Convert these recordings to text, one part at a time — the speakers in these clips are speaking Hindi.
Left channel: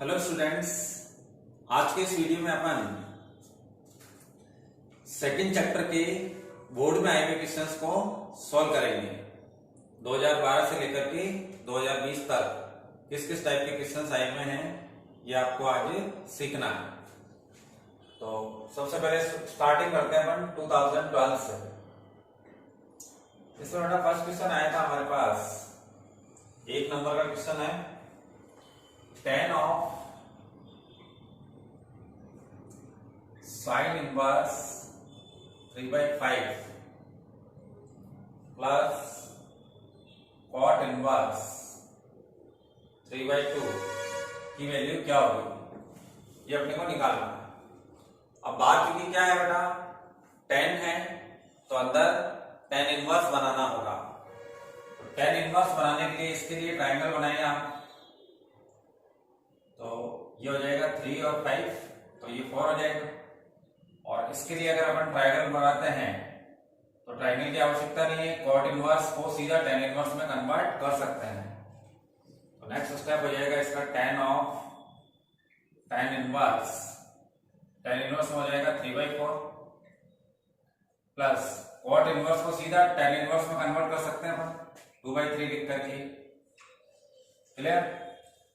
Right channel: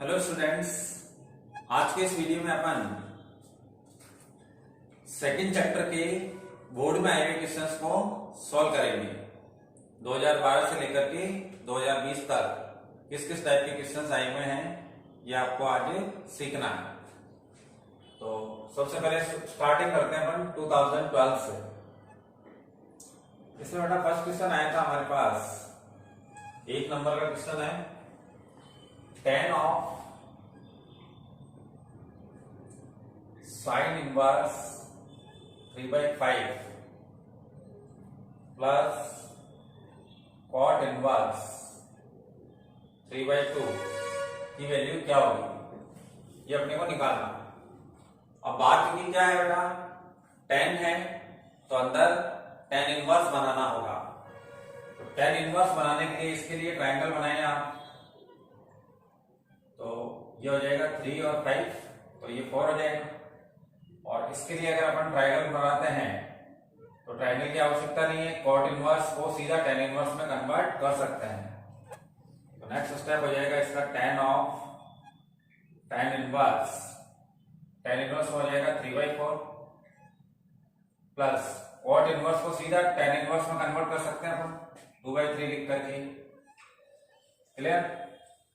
हेलो स्टूडेंट्स, आज के इस वीडियो में अपन सेकंड चैप्टर के बोर्ड में आए हुए क्वेश्चंस को सॉल्व करेंगे। 2012 से लेकर के 2020 तक किस किस टाइप के क्वेश्चंस आए हुए हैं ये आपको आज सीखना है। तो सबसे पहले स्टार्टिंग करते हैं अपन 2012 से। इसमें बेटा फर्स्ट क्वेश्चन आया था हमारे पास, 1 नंबर का क्वेश्चन है, tan of sin inverse 3/5 plus cot inverse 3/2 की वैल्यू क्या होगी, ये अपने को निकालना है। अब बात क्योंकि क्या है बेटा, tan है तो अंदर tan इनवर्स बनाना होगा। तो tan इनवर्स बनाने के लिए इसके लिए ट्रायंगल बनाइए आप। तो ये हो जाएगा 3 और 5, तो ये 4 हो जाएगा। और इसके लिए अगर अपन ट्रायंगल बनाते हैं तो ट्रायंगल की आवश्यकता नहीं है, कॉट इनवर्स को सीधा tan इनवर्स में कन्वर्ट कर सकते हैं। तो नेक्स्ट स्टेप हो जाएगा इसका tan of tan inverse. tan inverse हो जाएगा 3/4 प्लस कॉट इनवर्स को सीधा tan इनवर्स में कन्वर्ट कर सकते हैं अपन 2/3 लिख करके। क्लियर?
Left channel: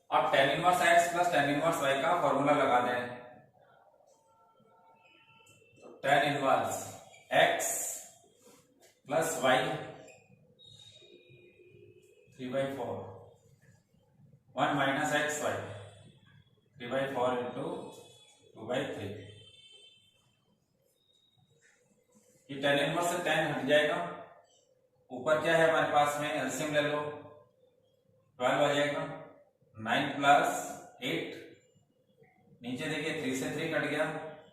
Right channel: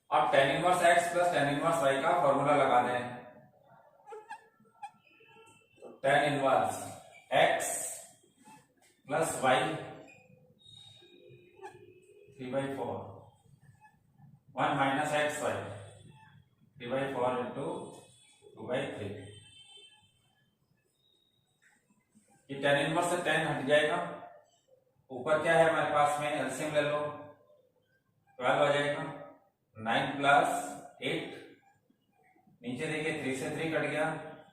अब tan inverse x plus tan inverse y का फॉर्मूला लगा दें। तो tan inverse x plus y 3/4 1 minus x y 3/4 into 2/3। ये tan इनवर्स से tan हट जाएगा। ऊपर क्या है हमारे पास में, एलसीएम ले लो, 12 हो जाएगा। 9 प्लस 8, नीचे देखिए 3 से 3 कट गया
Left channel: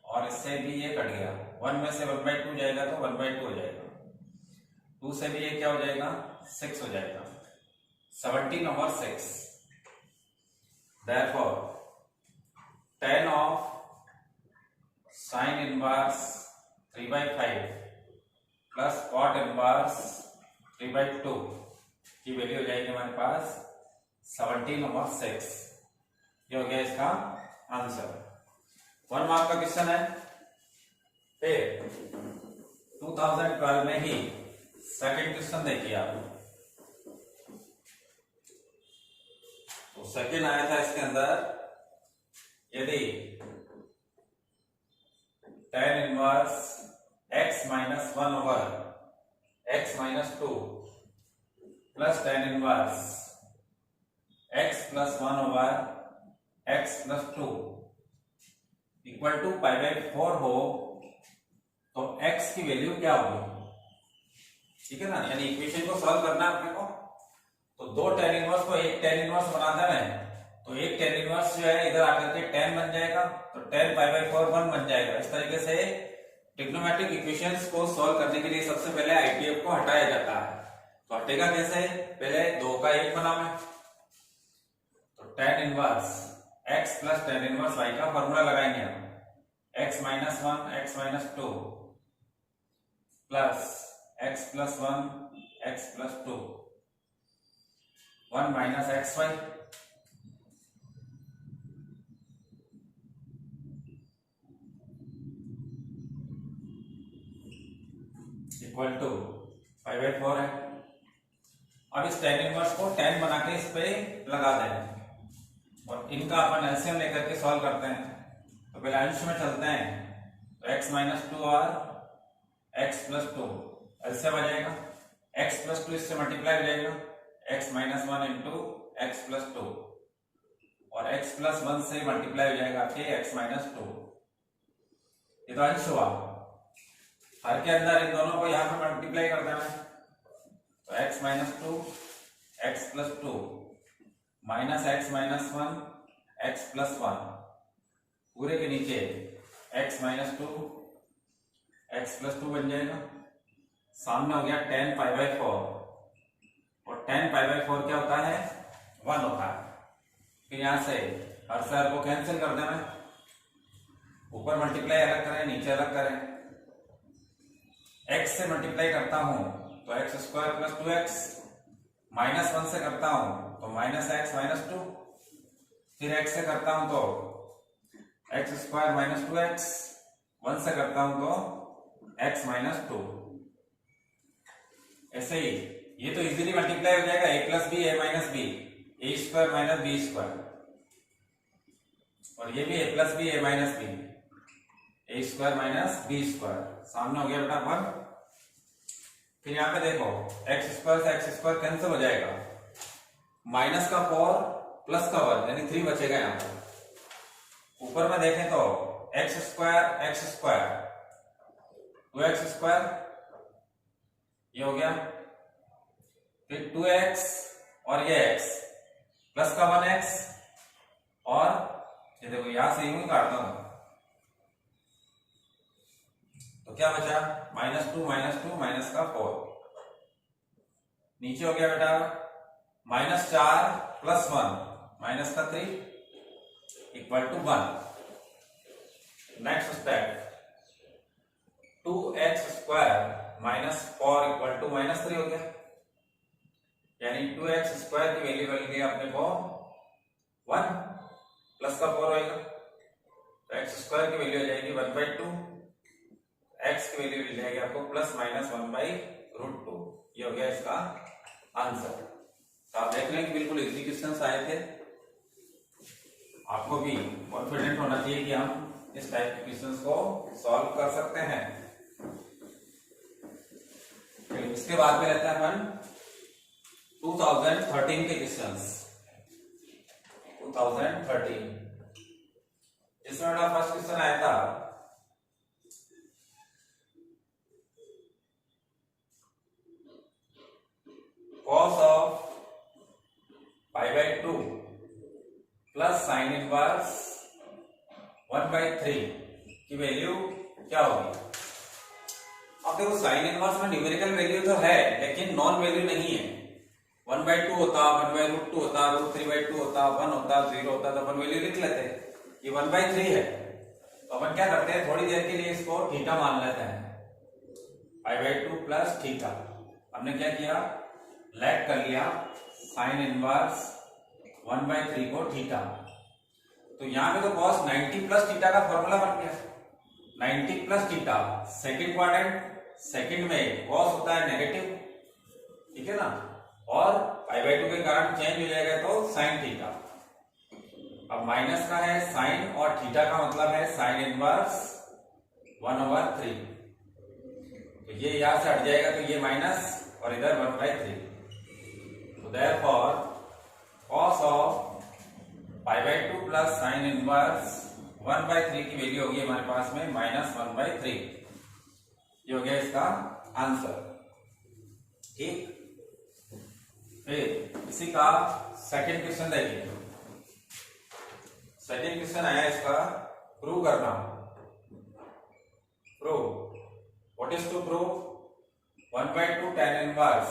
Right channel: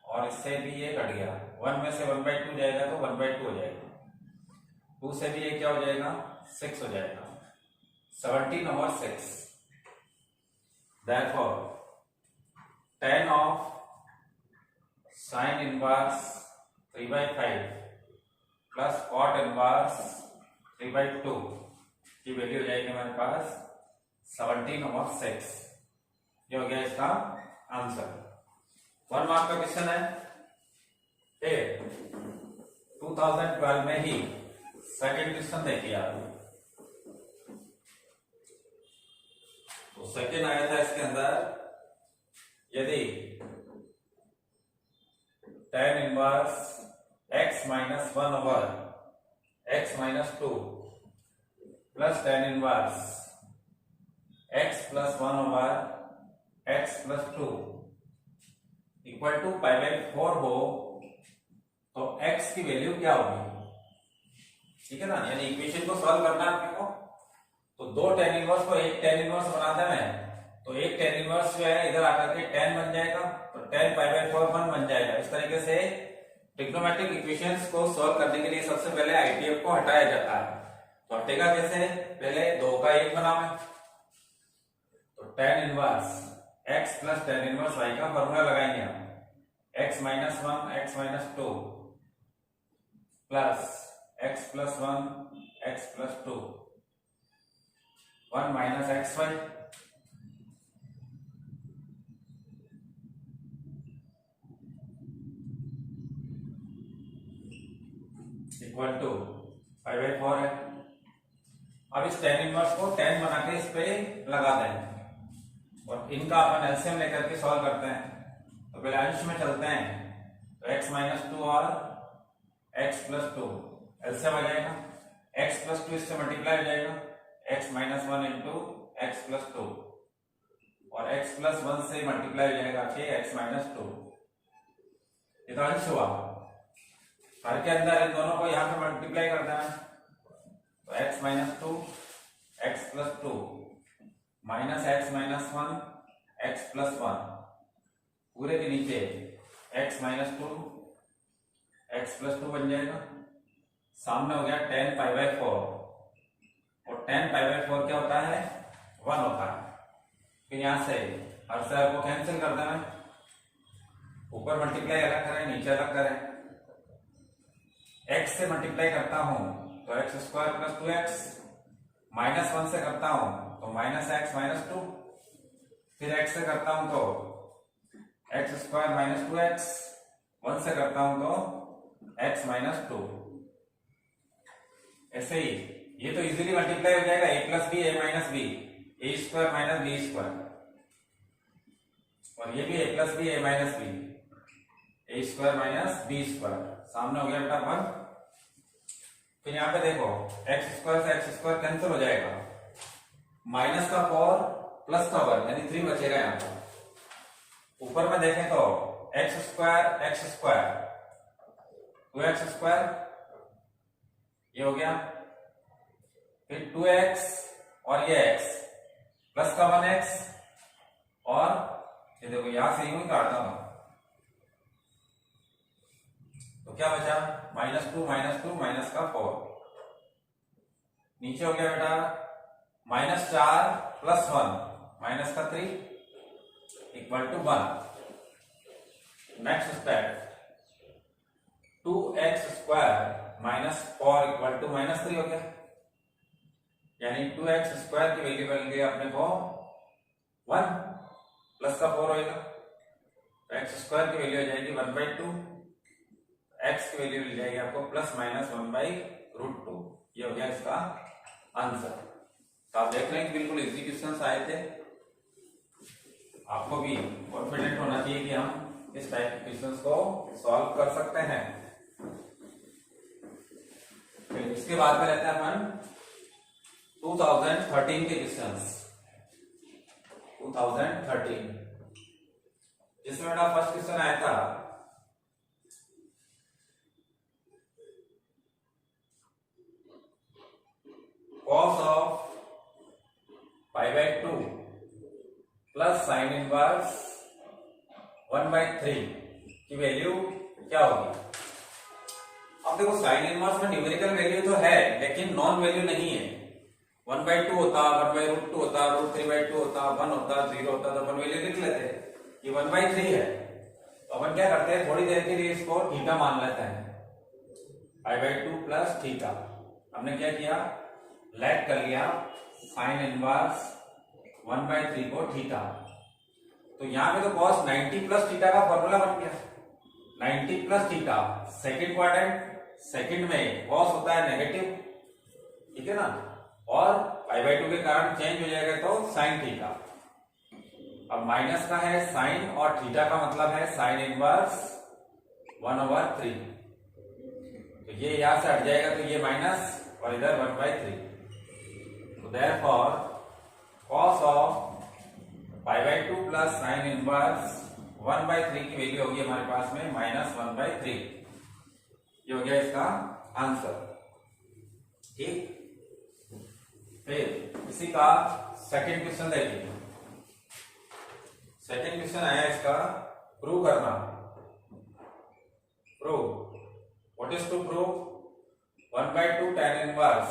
और इससे भी ये कट गया। 1 में से 1/2 जाएगा तो 1/2 हो जाएगा। 2 से भी ये क्या हो जाएगा, 6 हो जाएगा। 17 over 6। Therefore, tan of sin inverse 3/5 plus cot inverse 3/2 की वैल्यू हो जाएगी हमारे पास 17 over 6। ये हो गया इसका आंसर। 1 मार्क का क्वेश्चन है। फिर 2012 में ही सेकंड क्वेश्चन देखिए आप। तो सेकंड आया था इसके अंदर, यदि tan inverse x minus 1 over x minus 2 plus tan inverse x plus 1 over x plus 2 equal to π/4 हो तो x की वैल्यू क्या होगी। ठीक है ना, यानी इक्वेशन को सॉल्व करना है आपको। तो 2 tan इनवर्स को एक tan इनवर्स बना देना है, तो एक tan इनवर्स जो है इधर आकर के tan बन जाएगा, तो tan π/4 1 बन जाएगा। इस तरीके से ट्रिग्नोमेट्रिक इक्वेशंस को सॉल्व करने के लिए सबसे पहले आईपीएफ को हटाया जाता है। तो हटेगा कैसे, पहले 2 का 1 बनावे, तो tan inverse x plus tan inverse y का फॉर्मूला लगाएंगे हम। x minus 1 x minus 2 plus x plus 1 x plus 2 1 minus x y equal to 5/4 है। अब इस tan इनवर्स को tan बना के इस पे लगा दें और इनका अपन एलसीएम लेकर के सॉल्व करते हैं। तो पहले अंश में चलते हैं, तो x माइनस 2 और x प्लस 2 एलसीएम आ जाएगा। x प्लस 2 इससे मल्टीप्लाई हो जाएगा, x minus 1 into x plus 2 और x प्लस 1 से मल्टीप्लाई हो जाएगा आपके x माइनस 2। ये तो अंश हुआ। हर के अंदर इन दोनों को यहां पे मल्टीप्लाई कर देना, तो x minus 2 x plus 2 minus x minus 1 x plus 1 पूरे के नीचे x माइनस 2 x प्लस 2 बन जाएगा। सामने हो गया tan π/4 और tan π/4 क्या होता है, 1 होता है। फिर यहां से हर साइड को कैंसिल कर देना, ऊपर मल्टीप्लाई अलग करें नीचे अलग करें। x से मल्टीप्लाई करता हूं तो x square plus 2x, minus 1 से करता हूं तो माइनस एक्स माइनस 2 फिर x से करता हूं तो एक्स स्क्वायर माइनस 2x, 1 से करता हूं तो x माइनस 2। ऐसे ही ये तो इजीली मल्टीप्लाई हो जाएगा, a plus b a minus b, a square minus b square, और ये भी a plus b a minus b, a square minus b square, सामने हो गया बेटा 1। फिर यहाँ पे देखो एक्स स्क्वायर से एक्स स्क्वायर कैंसिल हो जाएगा, माइनस का 4 प्लस का 1 यानी 3 बचेगा यहाँ पर। ऊपर में देखें तो एक्स स्क्वायर 2x स्क्वायर ये हो गया, फिर 2x और ये x प्लस का 1x, और ये देखो यहां से यूं ही काटता हूं तो क्या बचा -2 माइनस का 4, नीचे हो गया बेटा -4 प्लस 1 माइनस का 3 equal to 1। Next step 2x square minus 4 equal to -3 हो गया, यानी 2x स्क्वायर की वैल्यू बन गई अपने को 1 प्लस का 4 होगा, तो x स्क्वायर की वैल्यू हो जाएगी 1/2, x की वैल्यू मिल जाएगी आपको प्लस माइनस 1/√2। ये हो गया इसका आंसर। तो आप देख लें बिल्कुल इजी क्वेश्चंस आए थे, आपको भी कॉन्फिडेंट होना चाहिए कि हम इस टाइप के क्वेश्चंस को सॉल्व कर सकते हैं। फिर इसके बाद में रहता है अपन 2013 के क्वेश्चंस। 2013 जिसमें मेरा फर्स्ट क्वेश्चन आया था cos of π/2 plus sine inverse 1/3 की वैल्यू क्या होगी। अब देखो साइन इनवर्स में न्यूमेरिकल वैल्यू तो है लेकिन नॉन वैल्यू नहीं है। 1/2 होता, 1/√2 होता, √3/2 होता, 1 होता, 0 होता तो अपन वैल्यू लिख लेते। ये 1/3 है तो अपन क्या करते हैं थोड़ी देर के लिए इसको थीटा मान लेते हैं, π/2 प्लस थीटा। हमने क्या किया लेट कर लिया साइन इनवर्स 1/3 को थीटा, तो यहां पे तो cos 90 प्लस थीटा का फॉर्मूला बन गया। 90 plus theta second quadrant, second में cos होता है नेगेटिव, ठीक है ना, और π/2 के कारण चेंज हो जाएगा तो साइन थीटा। अब माइनस का है साइन और थीटा का मतलब है साइन इनवर्स 1/3, तो ये यहां से हट जाएगा तो ये माइनस और इधर 1/3, तो therefore cos of π/2 plus sine inverse 1/3 की वैल्यू होगी हमारे पास में -1/3। ये हो गया इसका आंसर, ठीक। फिर इसी का सेकंड क्वेश्चन देखिए। सेकंड क्वेश्चन आया इसका प्रूव करना। Prove what is to prove 1/2 tan inverse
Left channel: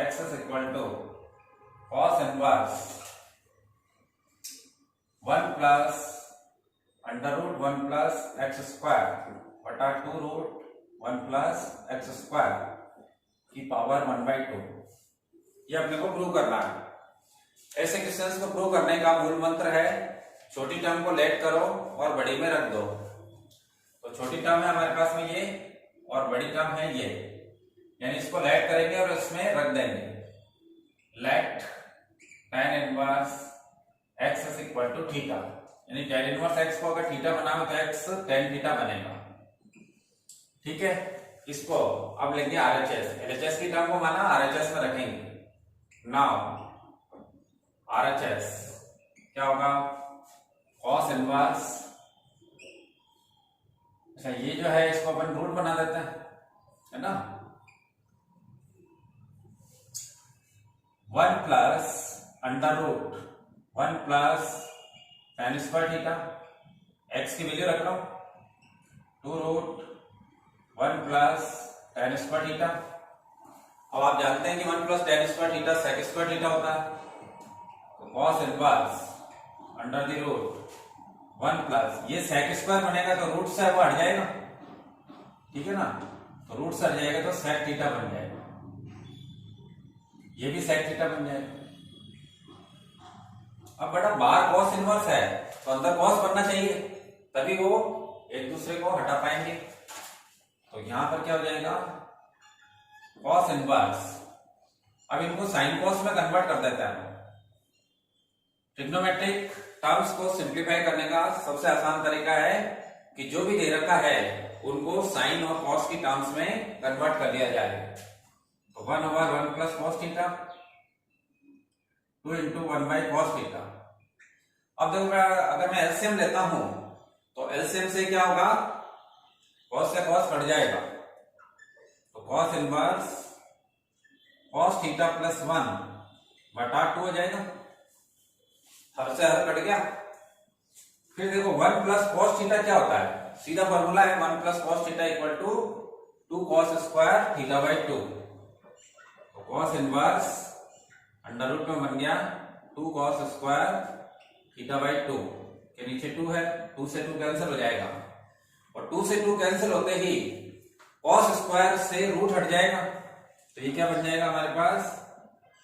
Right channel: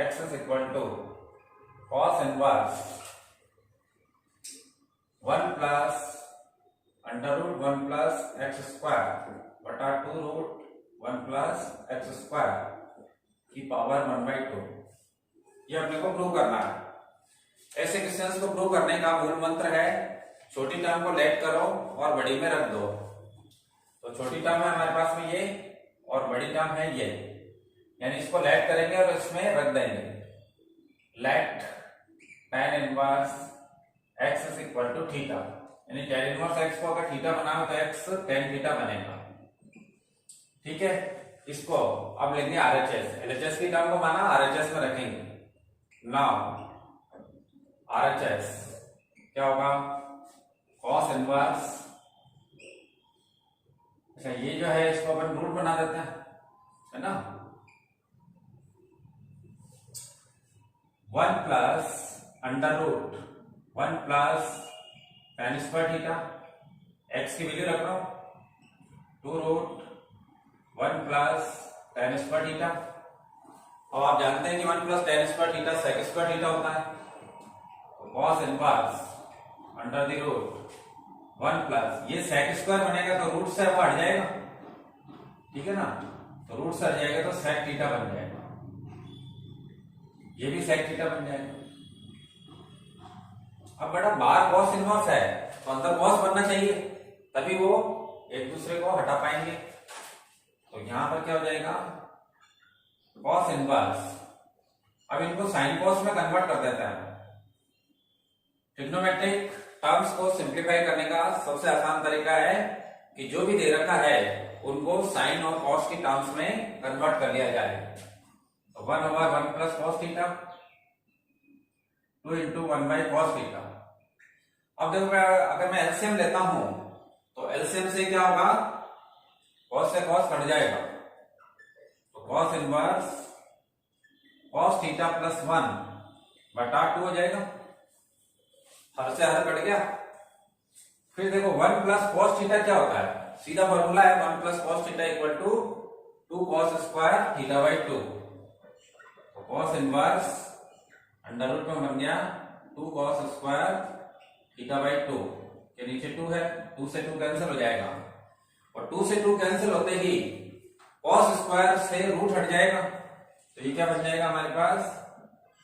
x is equal to cos inverse 1 plus √1 plus x square बटा 2√1 प्लस x स्क्वायर की पावर 1/2। ये अपने को प्रूव करना है। ऐसे क्वेश्चंस को प्रूव करने का मूल मंत्र है छोटी टर्म को लेट करो और बड़ी में रख दो। तो छोटी टर्म है हमारे पास में ये और बड़ी टर्म है ये, यानी इसको लेट करेंगे और इसमें रख देंगे। Let tan inverse x is equal to theta, यानी tan इनवर्स x को अगर थीटा बनाओ तो x tan थीटा बनेगा, ठीक है। इसको अब लेंगे RHS, LHS की टर्म को माना RHS में रखेंगे। नाउ RHS क्या होगा cos इनवर्स, अच्छा ये जो है इसको अपन रूट बना देते हैं, है ना, 1 plus √1 plus tan square theta, x की वैल्यू रख रहा हूं 2√1 प्लस tan स्क्वायर थीटा। अब आप जानते हैं कि 1 plus tan square theta sec square theta होता है, तो cos इनवर्स √1 प्लस ये sec स्क्वायर बनेगा तो रूट से वो हट जाएगा, ठीक है ना, तो रूट से हट जाएगा तो sec थीटा बन जाएगा, ये भी sec थीटा बन जाएगा। अब बेटा बाहर कॉस इनवर्स है तो अंदर कॉस बनना चाहिए, तभी वो एक दूसरे को हटा पाएंगे। तो यहां पर क्या हो जाएगा, कॉस इनवर्स। अब इनको साइन कॉस में कन्वर्ट कर देते हैं। ट्रिग्नोमेट्रिक टर्म्स को सिंप्लीफाई करने का सबसे आसान तरीका है कि जो भी दे रखा है उनको साइन और कॉस की टर्म्स में कन्वर्ट कर लिया जाए। तो 1/1 plus cos theta 2 into 1/cos theta. अब देखो अगर मैं एलसीएम लेता हूं तो एलसीएम से क्या होगा, कॉस से कॉस कट जाएगा, तो cos inverse cos theta plus 1 बटा 2 हो जाएगा, हर से हर कट गया। फिर देखो 1 प्लस कॉस थीटा क्या होता है, सीधा फॉर्मूला है 1 plus cos theta equal to 2 cos square theta by 2। तो कॉस इनवर्स अंडर रूट में बन गया 2 cos स्क्वायर थीटा बाई 2 के नीचे 2 है, 2 से 2 कैंसिल हो जाएगा, और 2 से 2 कैंसिल होते ही cos स्क्वायर से रूट हट जाएगा। तो ये क्या बन जाएगा हमारे पास,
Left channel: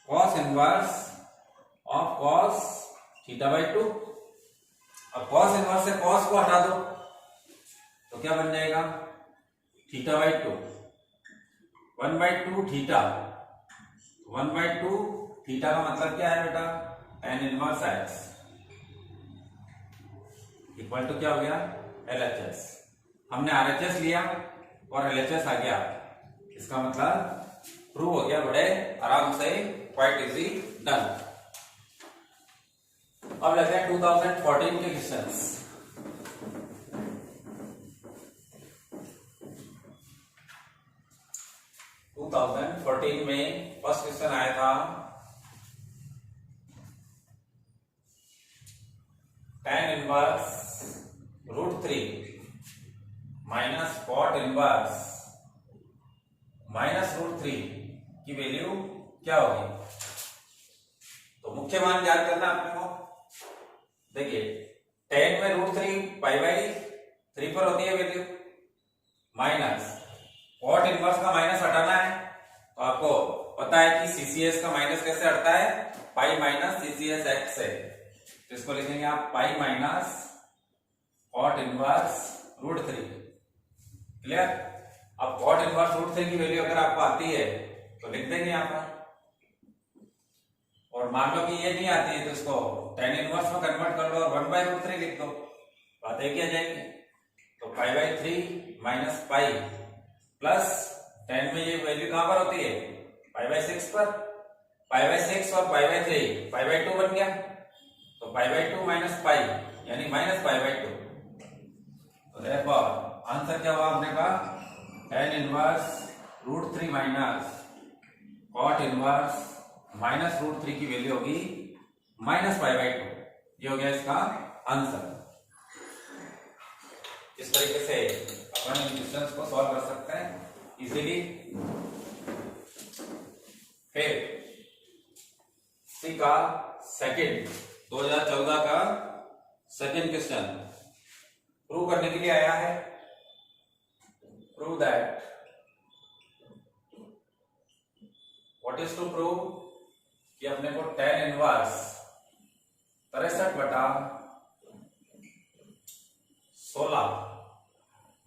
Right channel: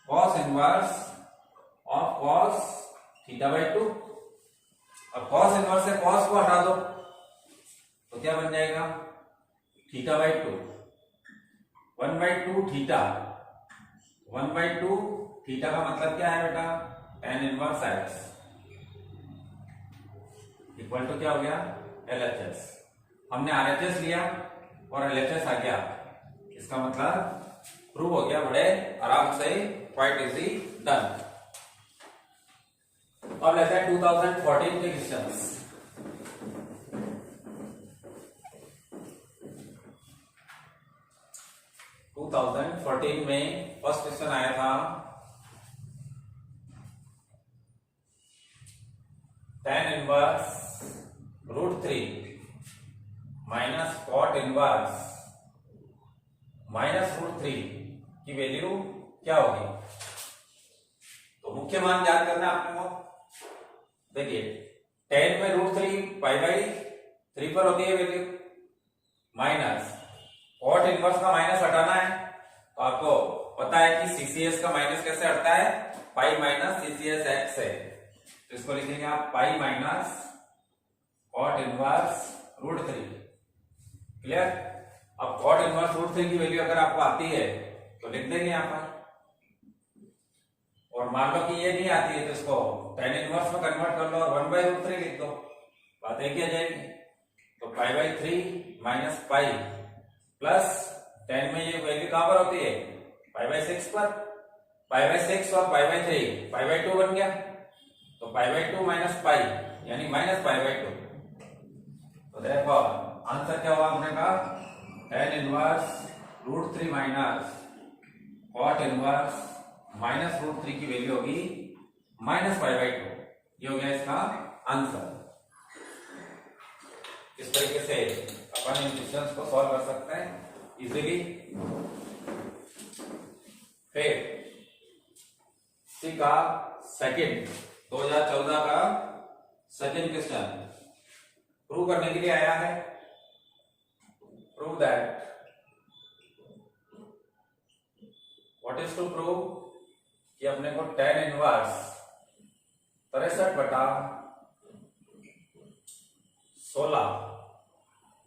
cos inverse of cos theta by 2। अब cos इनवर्स से cos को हटा दो तो क्या बन जाएगा, थीटा बाई 2 1/2 थीटा 1/2 थीटा का मतलब क्या है बेटा, tan inverse x equal to क्या हो गया, LHS। हमने RHS लिया और LHS आ गया, इसका मतलब प्रूव हो गया बड़े आराम से, क्वाइट इजी डन। अब लेते हैं 2014 के क्वेश्चंस। 2014 में फर्स्ट क्वेश्चन आया था, tan inverse √3 minus cot inverse minus √3 की वैल्यू क्या होगी। तो मुख्य मान याद करना आपने को, देखिए tan में √3 पाई बाई 3 पर होती है वैल्यू, माइनस कॉट इनवर्स का माइनस हटाना है, तो आपको पता है कि सीसीएस का माइनस कैसे हटता है, पाई माइनस सीसीएस एक्स से। तो इसको लिखेंगे आप pi minus cot inverse √3। Clear. अब कॉट इनवर्स √3 की वैल्यू अगर आपको आती है तो लिख देंगे यहाँ पर, और मान लो कि ये नहीं आती है तो इसको tan इनवर्स में कन्वर्ट कर लो और 1/√3 लिख दो, बात एक ही आ जाएगी। तो पाई by 3 minus pi plus tan में ये वैल्यू कहां पर होती है, पाई बाई 6 पर, पाई बाई 6 और पाई बाई 3 पाई बाई 2 बन गया, तो पाई बाई 2 माइनस पाई यानी माइनस पाई बाई 2। तो देखो आंसर क्या हुआ आपने कहा, tan inverse √3 minus cot inverse minus √3 की वैल्यू होगी माइनस पाई बाई 2। ये हो गया इसका आंसर। इस तरीके से अपन इन क्वेश्चंस को सॉल्व कर सकते हैं इजीली। फिर सी का सेकंड 2014 का सेकंड क्वेश्चन प्रूव करने के लिए आया है, prove that what is to prove कि अपने को tan इनवर्स 63/16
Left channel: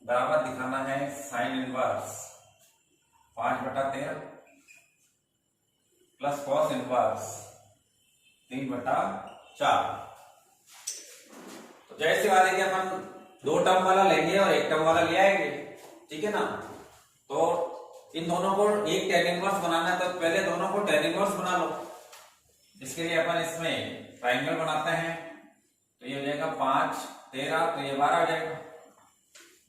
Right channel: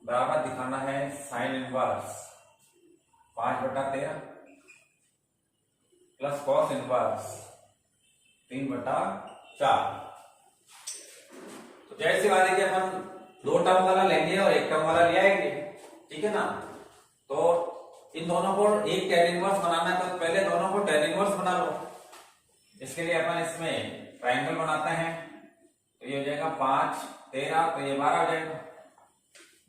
बराबर दिखाना है sine inverse 5/13 plus cos inverse 3/4। तो जैसी बात है कि अपन 2 टर्म वाला लेंगे और 1 टर्म वाला ले आएंगे, ठीक है ना। तो इन दोनों को एक tan इनवर्स बनाना है तो पहले दोनों को tan इनवर्स बना लो। इसके लिए अपन इसमें ट्राइंगल बनाते हैं, तो ये हो जाएगा 5 13 तो ये 12 हो जाएगा,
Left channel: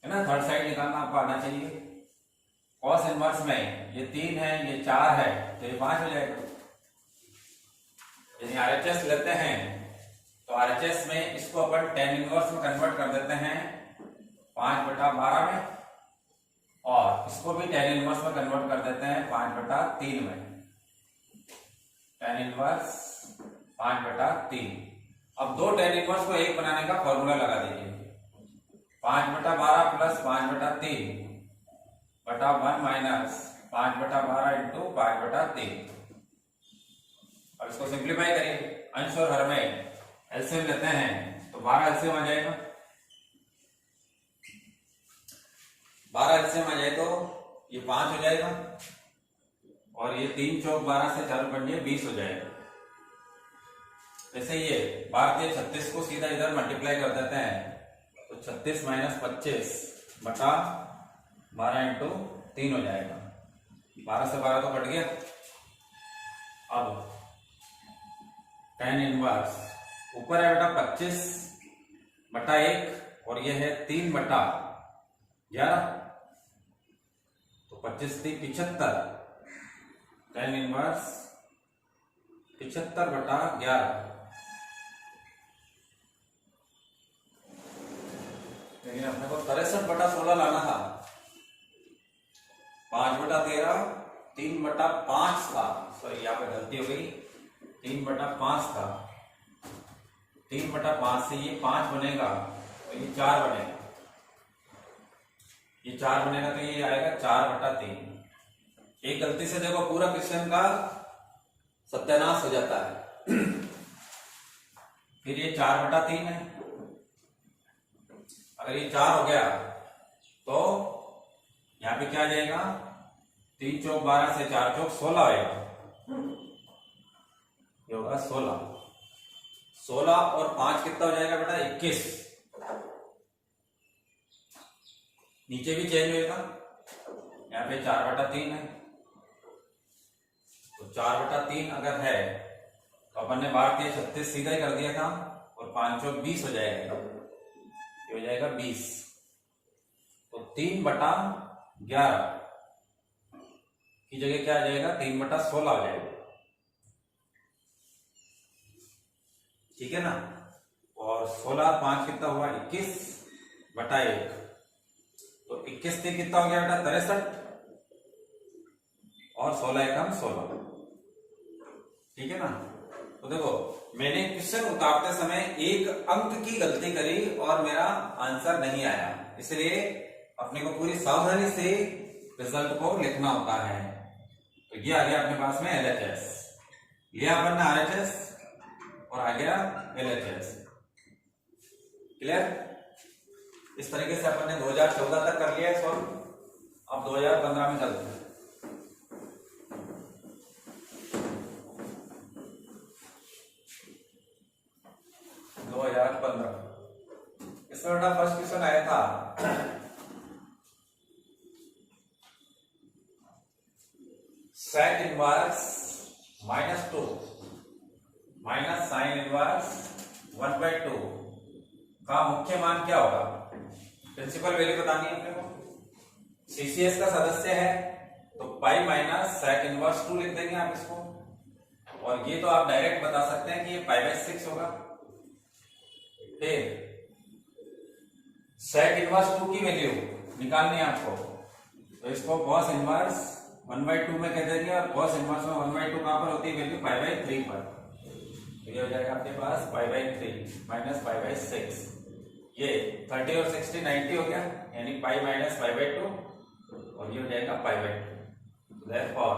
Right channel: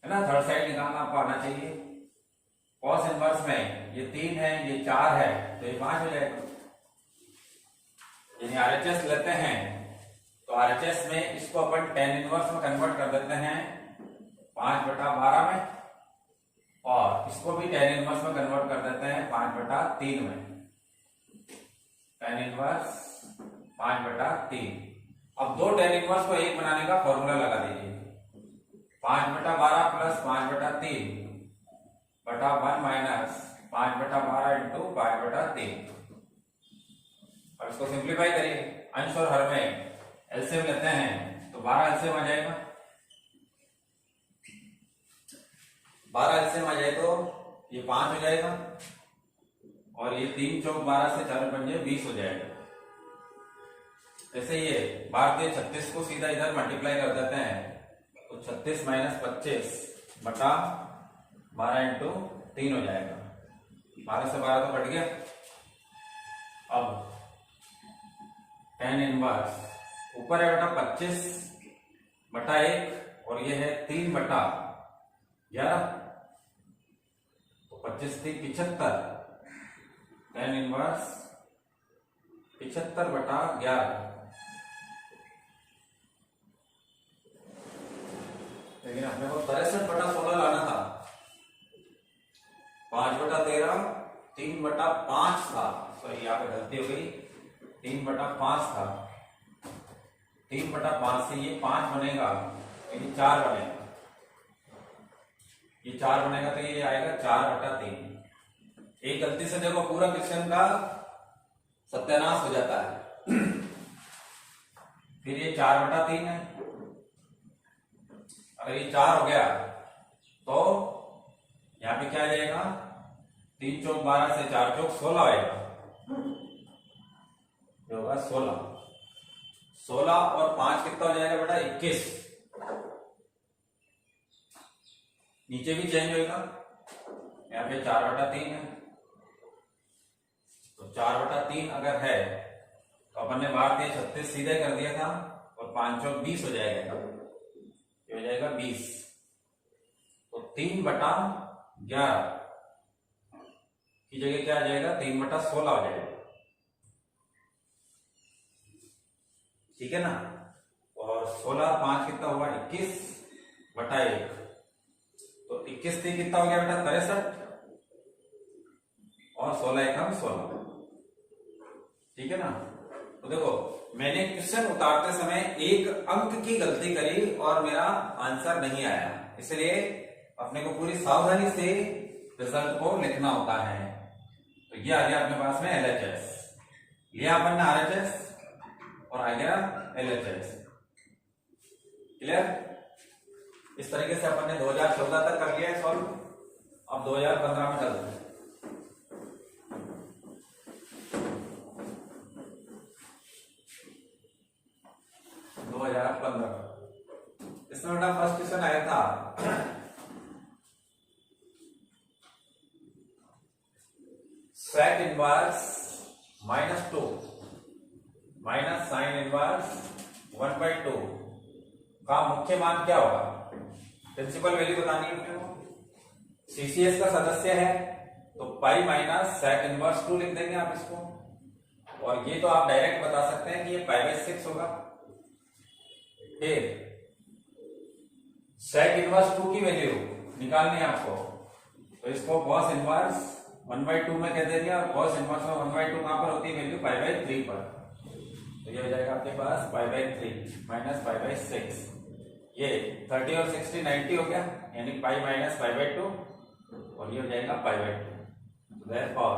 है ना। थर्ड साइड निकालना आपको आना चाहिए। कॉस इनवर्स में ये 3 है ये 4 है तो ये 5 हो जाएगा। यदि RHS लेते हैं तो RHS में इसको अपन tan इनवर्स में कन्वर्ट कर देते हैं 5/12 में, और इसको भी tan इनवर्स में कन्वर्ट कर देते हैं 5/3 में। tan inverse 5/3। अब 2 tan इनवर्स को 1 बनाने का फॉर्मूला लगा दीजिए, 5/12 प्लस 5/3 बटा 1 माइनस 5/12 इंटू 5/3। अब इसको सिंप्लीफाई करिए, अंश और हर में एलसीएम लेते हैं तो 12 एलसीएम आ जाएगा, 12 एलसीएम आ जाए तो ये 5 हो जाएगा और ये 3 चौक 12 से 4 बन जाए 20 हो जाएगा। जैसे ये 12 के 36 को सीधा इधर मल्टीप्लाई कर देते हैं तो 36 माइनस 25 बटा 12 इंटू 3 हो जाएगा। 12 से 12 तो कट गया। अब tan इनवर्स ऊपर है बेटा 25 बटा 1 और ये है 3 बटा 11 तो 25 थी 75, tan इनवर्स 75 बटा 11। लेकिन अपने को 63 बटा 16 लाना था। 5 बटा 13 3 बटा 5 था, सॉरी यहाँ पे गलती हो गई, 3 बटा 5 था। 3 बटा 5 से ये 5 बनेगा तो ये 4 बनेगा, ये 4 बनेगा तो ये आएगा 4 बटा 3। एक गलती से देखो पूरा क्वेश्चन का सत्यानाश हो जाता है। फिर ये 4 बटा 3 है, अगर ये 4 हो गया तो यहाँ पे क्या आ जाएगा, 3 चौक 12 से 4 चौक 16 आएगा, ये होगा 16। 16 और 5 कितना हो जाएगा बेटा 21। नीचे भी चेंज होगा, यहाँ पे 4 बटा 3 है तो 4 बटा 3 अगर है तो अपन ने बाहर दिया 36 सीधा ही कर दिया था और 5 चौक 20 हो जाएगा, ये हो जाएगा 20। तो 3 बटा 11 की जगह क्या आ जाएगा, 3 बटा 16 हो जाएगा, ठीक है ना। और 16 और 5 कितना हुआ 21 बटा 1 तो 21 से कितना हो गया बेटा 63 और 16 एकम 16, ठीक है ना। तो देखो मैंने क्वेश्चन उतारते समय एक अंक की गलती करी और मेरा आंसर नहीं आया, इसलिए अपने को पूरी सावधानी से रिजल्ट को लिखना होता है। तो ये आ गया अपने पास में LHS, लिया अपन ने RHS और आ गया LHS। क्लियर। इस तरीके से अपन ने 2014 तक कर लिया है सॉल्व। अब 2015 में चलते हैं। 2015 इसमें बेटा फर्स्ट क्वेश्चन आया था sec inverse -2 minus sine inverse 1/2 का मुख्य मान क्या होगा। प्रिंसिपल वैल्यू बतानी है अपने को। CCS का सदस्य है तो पाई माइनस sec इनवर्स 2 लिख देंगे आप इसको, और ये तो आप डायरेक्ट बता सकते हैं कि ये π/6 होगा। फिर sec इनवर्स 2 की वैल्यू निकालनी है आपको, तो इसको cos इनवर्स 1/2 में कह देंगे और cos इनवर्स में 1/2 कहां पर होती है वैल्यू π/3 पर, तो ये हो जाएगा आपके पास π/3 माइनस π/6। ये 30 और 60 90 हो गया, यानी पाई माइनस π/2 और ये हो जाएगा π/2। Therefore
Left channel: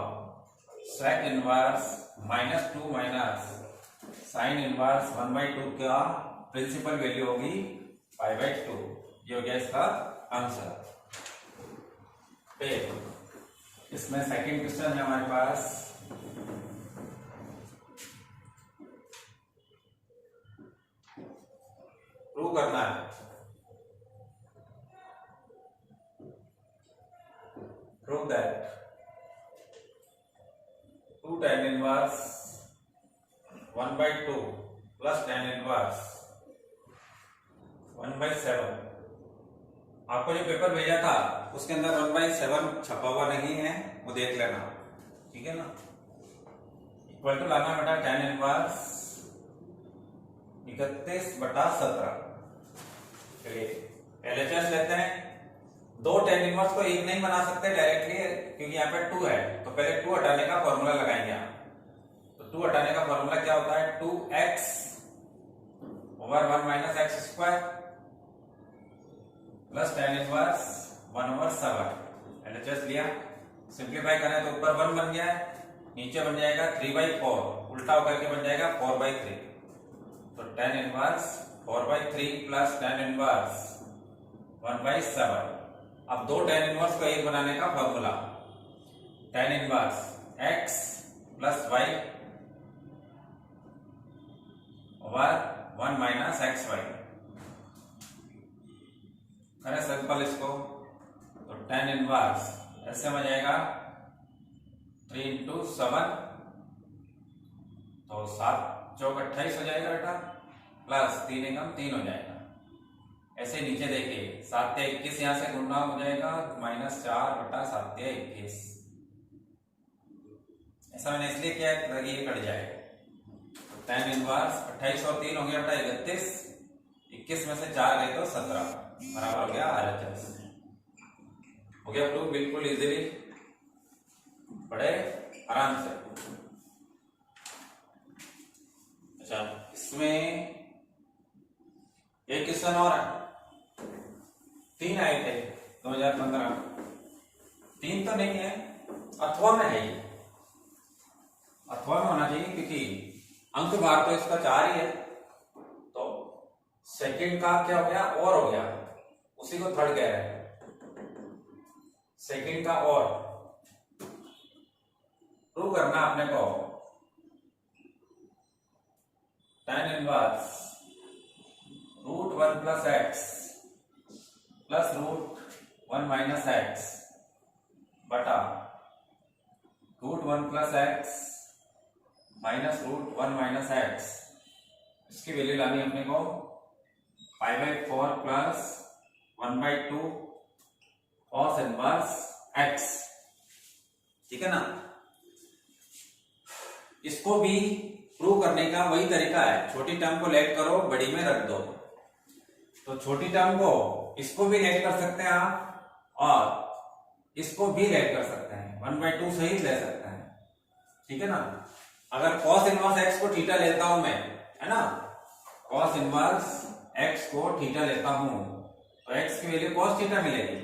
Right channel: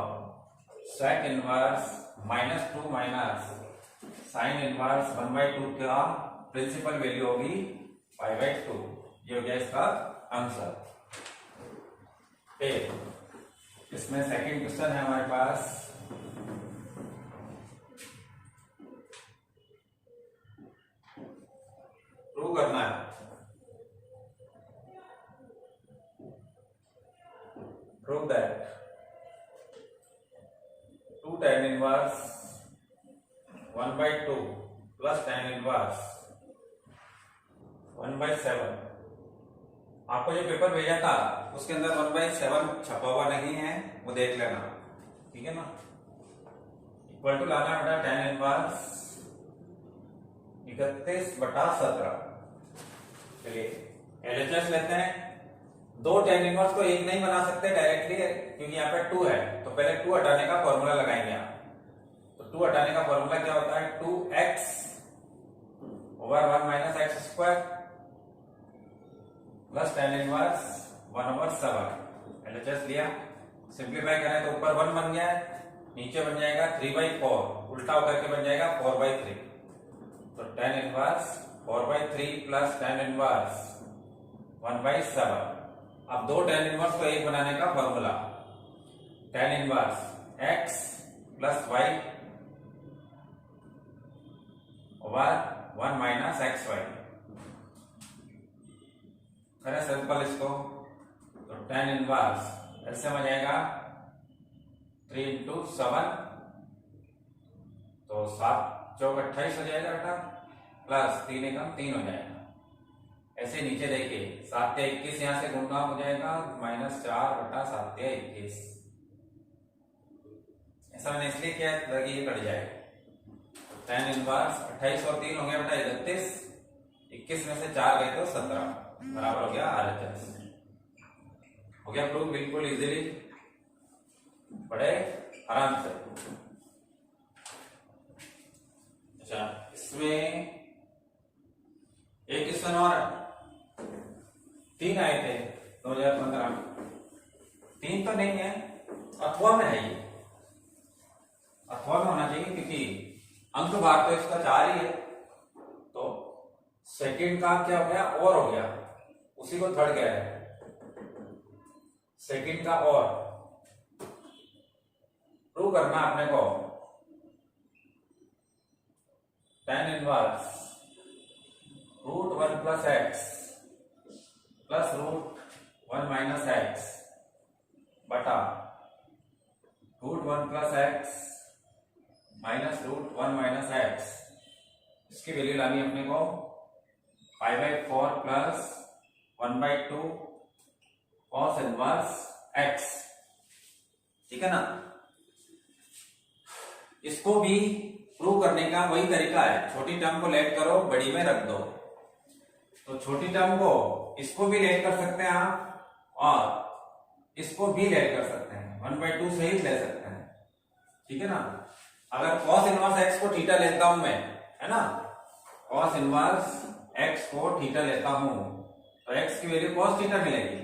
sec inverse -2 minus sine inverse 1/2 का प्रिंसिपल वैल्यू होगी π/2। ये हो गया इसका आंसर। फिर इसमें सेकंड क्वेश्चन है हमारे पास, प्रूव करना है। Prove that 2 tan inverse 1/2 plus tan inverse 1/7। आपको जो पेपर भेजा था उसके अंदर 1/7 छपा हुआ नहीं है, वो देख लेना, ठीक है ना। इक्वल टू लाना बेटा tan इनवर्स 31/17। चलिए LHS लेते हैं। 2 tan इनवर्स को एक नहीं बना सकते डायरेक्टली, क्योंकि यहाँ पे 2 है, तो पहले 2 हटाने का फॉर्मूला लगाएंगे आप। तो 2 हटाने का फॉर्मूला क्या होता है, 2x over 1 minus x square plus tan inverse 1/7। LHS लिया, सिंप्लीफाई करना है तो ऊपर 1 बन गया है, नीचे बन जाएगा 3/4, उल्टा होकर के बन जाएगा 4/3। तो tan inverse 4/3 plus tan inverse 1/7। अब दो tan इनवर्स को एक बनाने का formula, tan inverse x plus y over 1 minus x y. करें सिंपल इसको, तो tan इनवर्स ऐसे में जाएगा 3 इंटू 7, तो 7 चौक 28 हो जाएगा बेटा, प्लस 3 एकम 3 हो जाएगा। ऐसे नीचे देखिए 7 या 21 यहां से गुणा हो जाएगा, -4 बटा 7 या 21। ऐसा मैंने इसलिए किया ताकि ये कट जाए। tan इनवर्स 28 और 3 हो गया बेटा 31, 21 में से 4 गए तो 17, बराबर हो गया RHS। हो गया प्रूफ बिल्कुल इजीली, बड़े आराम से। अच्छा, इसमें एक क्वेश्चन और है, 3 आए थे 2015, 3 तो नहीं है, अथवा में है, ये अथवा में होना चाहिए क्योंकि अंक भाग तो इसका 4 ही है। तो सेकंड का क्या हो गया, और हो गया, उसी को थर्ड कह रहे हैं, सेकंड का और प्रूव करना अपने को। tan inverse √1 plus x plus √1 minus x बटा √1 plus x minus √1 minus x, इसकी वैल्यू लानी अपने को 5/4 प्लस 1/2 cos इनवर्स x, ठीक है ना। इसको भी प्रूव करने का वही तरीका है, छोटी टर्म को लेट करो, बड़ी में रख दो। तो छोटी टर्म को इसको भी लेट कर सकते हैं आप, और इसको भी लेट कर सकते हैं, 1/2 सहित ले सकते हैं, ठीक है ना। अगर cos इनवर्स x को थीटा लेता हूं मैं, है ना, cos इनवर्स x को थीटा लेता हूं तो x की वैल्यू cos थीटा मिलेगी।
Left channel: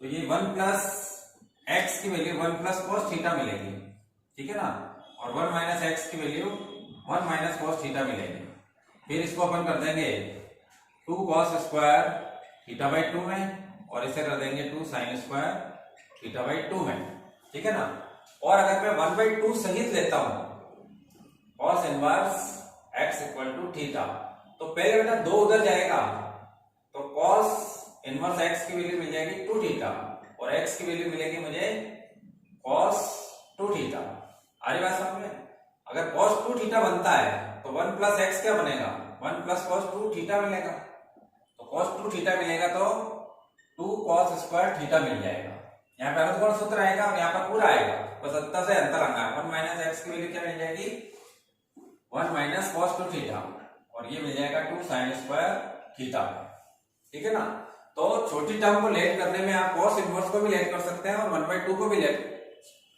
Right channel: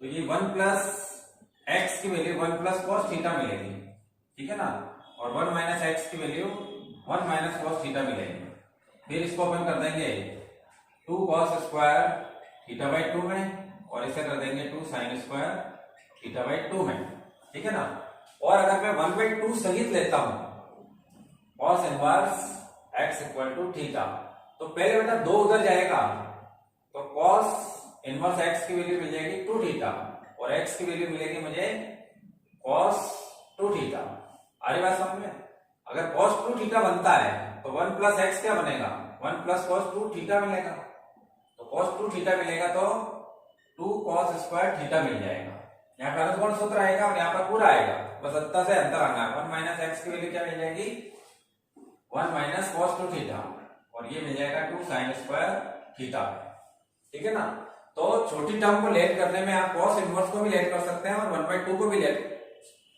तो ये 1 प्लस x की वैल्यू 1 प्लस cos थीटा मिलेगी, ठीक है ना। और 1 माइनस एक्स की वैल्यू 1 माइनस cos थीटा मिलेगी। फिर इसको अपन कर देंगे 2 cos स्क्वायर थीटा बाई 2 में, और इसे कर देंगे 2 sin स्क्वायर थीटा बाई 2 में, ठीक है ना। और अगर मैं 1/2 सहित लेता हूं cos inverse x equal to theta, तो पहले बेटा 2 उधर जाएगा, तो cos इनवर्स x की वैल्यू मिल जाएगी 2 थीटा, और x की वैल्यू मिलेगी मुझे cos 2 थीटा। आ रही बात समझ में। अगर cos 2 थीटा बनता है तो 1 प्लस एक्स क्या बनेगा, 1 प्लस cos 2 थीटा मिलेगा। तो cos 2 थीटा मिलेगा तो 2 cos स्क्वायर थीटा मिल जाएगा। यहाँ पे अर्धकोण सूत्र आएगा और यहाँ पर पूरा आएगा, बस अत्ता से अंतर आना है। 1 माइनस एक्स की वैल्यू क्या मिल जाएगी, 1 माइनस cos 2 थीटा, और ये मिल जाएगा 2 sin स्क्वायर थीटा, ठीक है ना। तो छोटी टर्म को लेट करने में आप cos इनवर्स को भी लेट कर सकते हैं और 1/2 को भी लेट,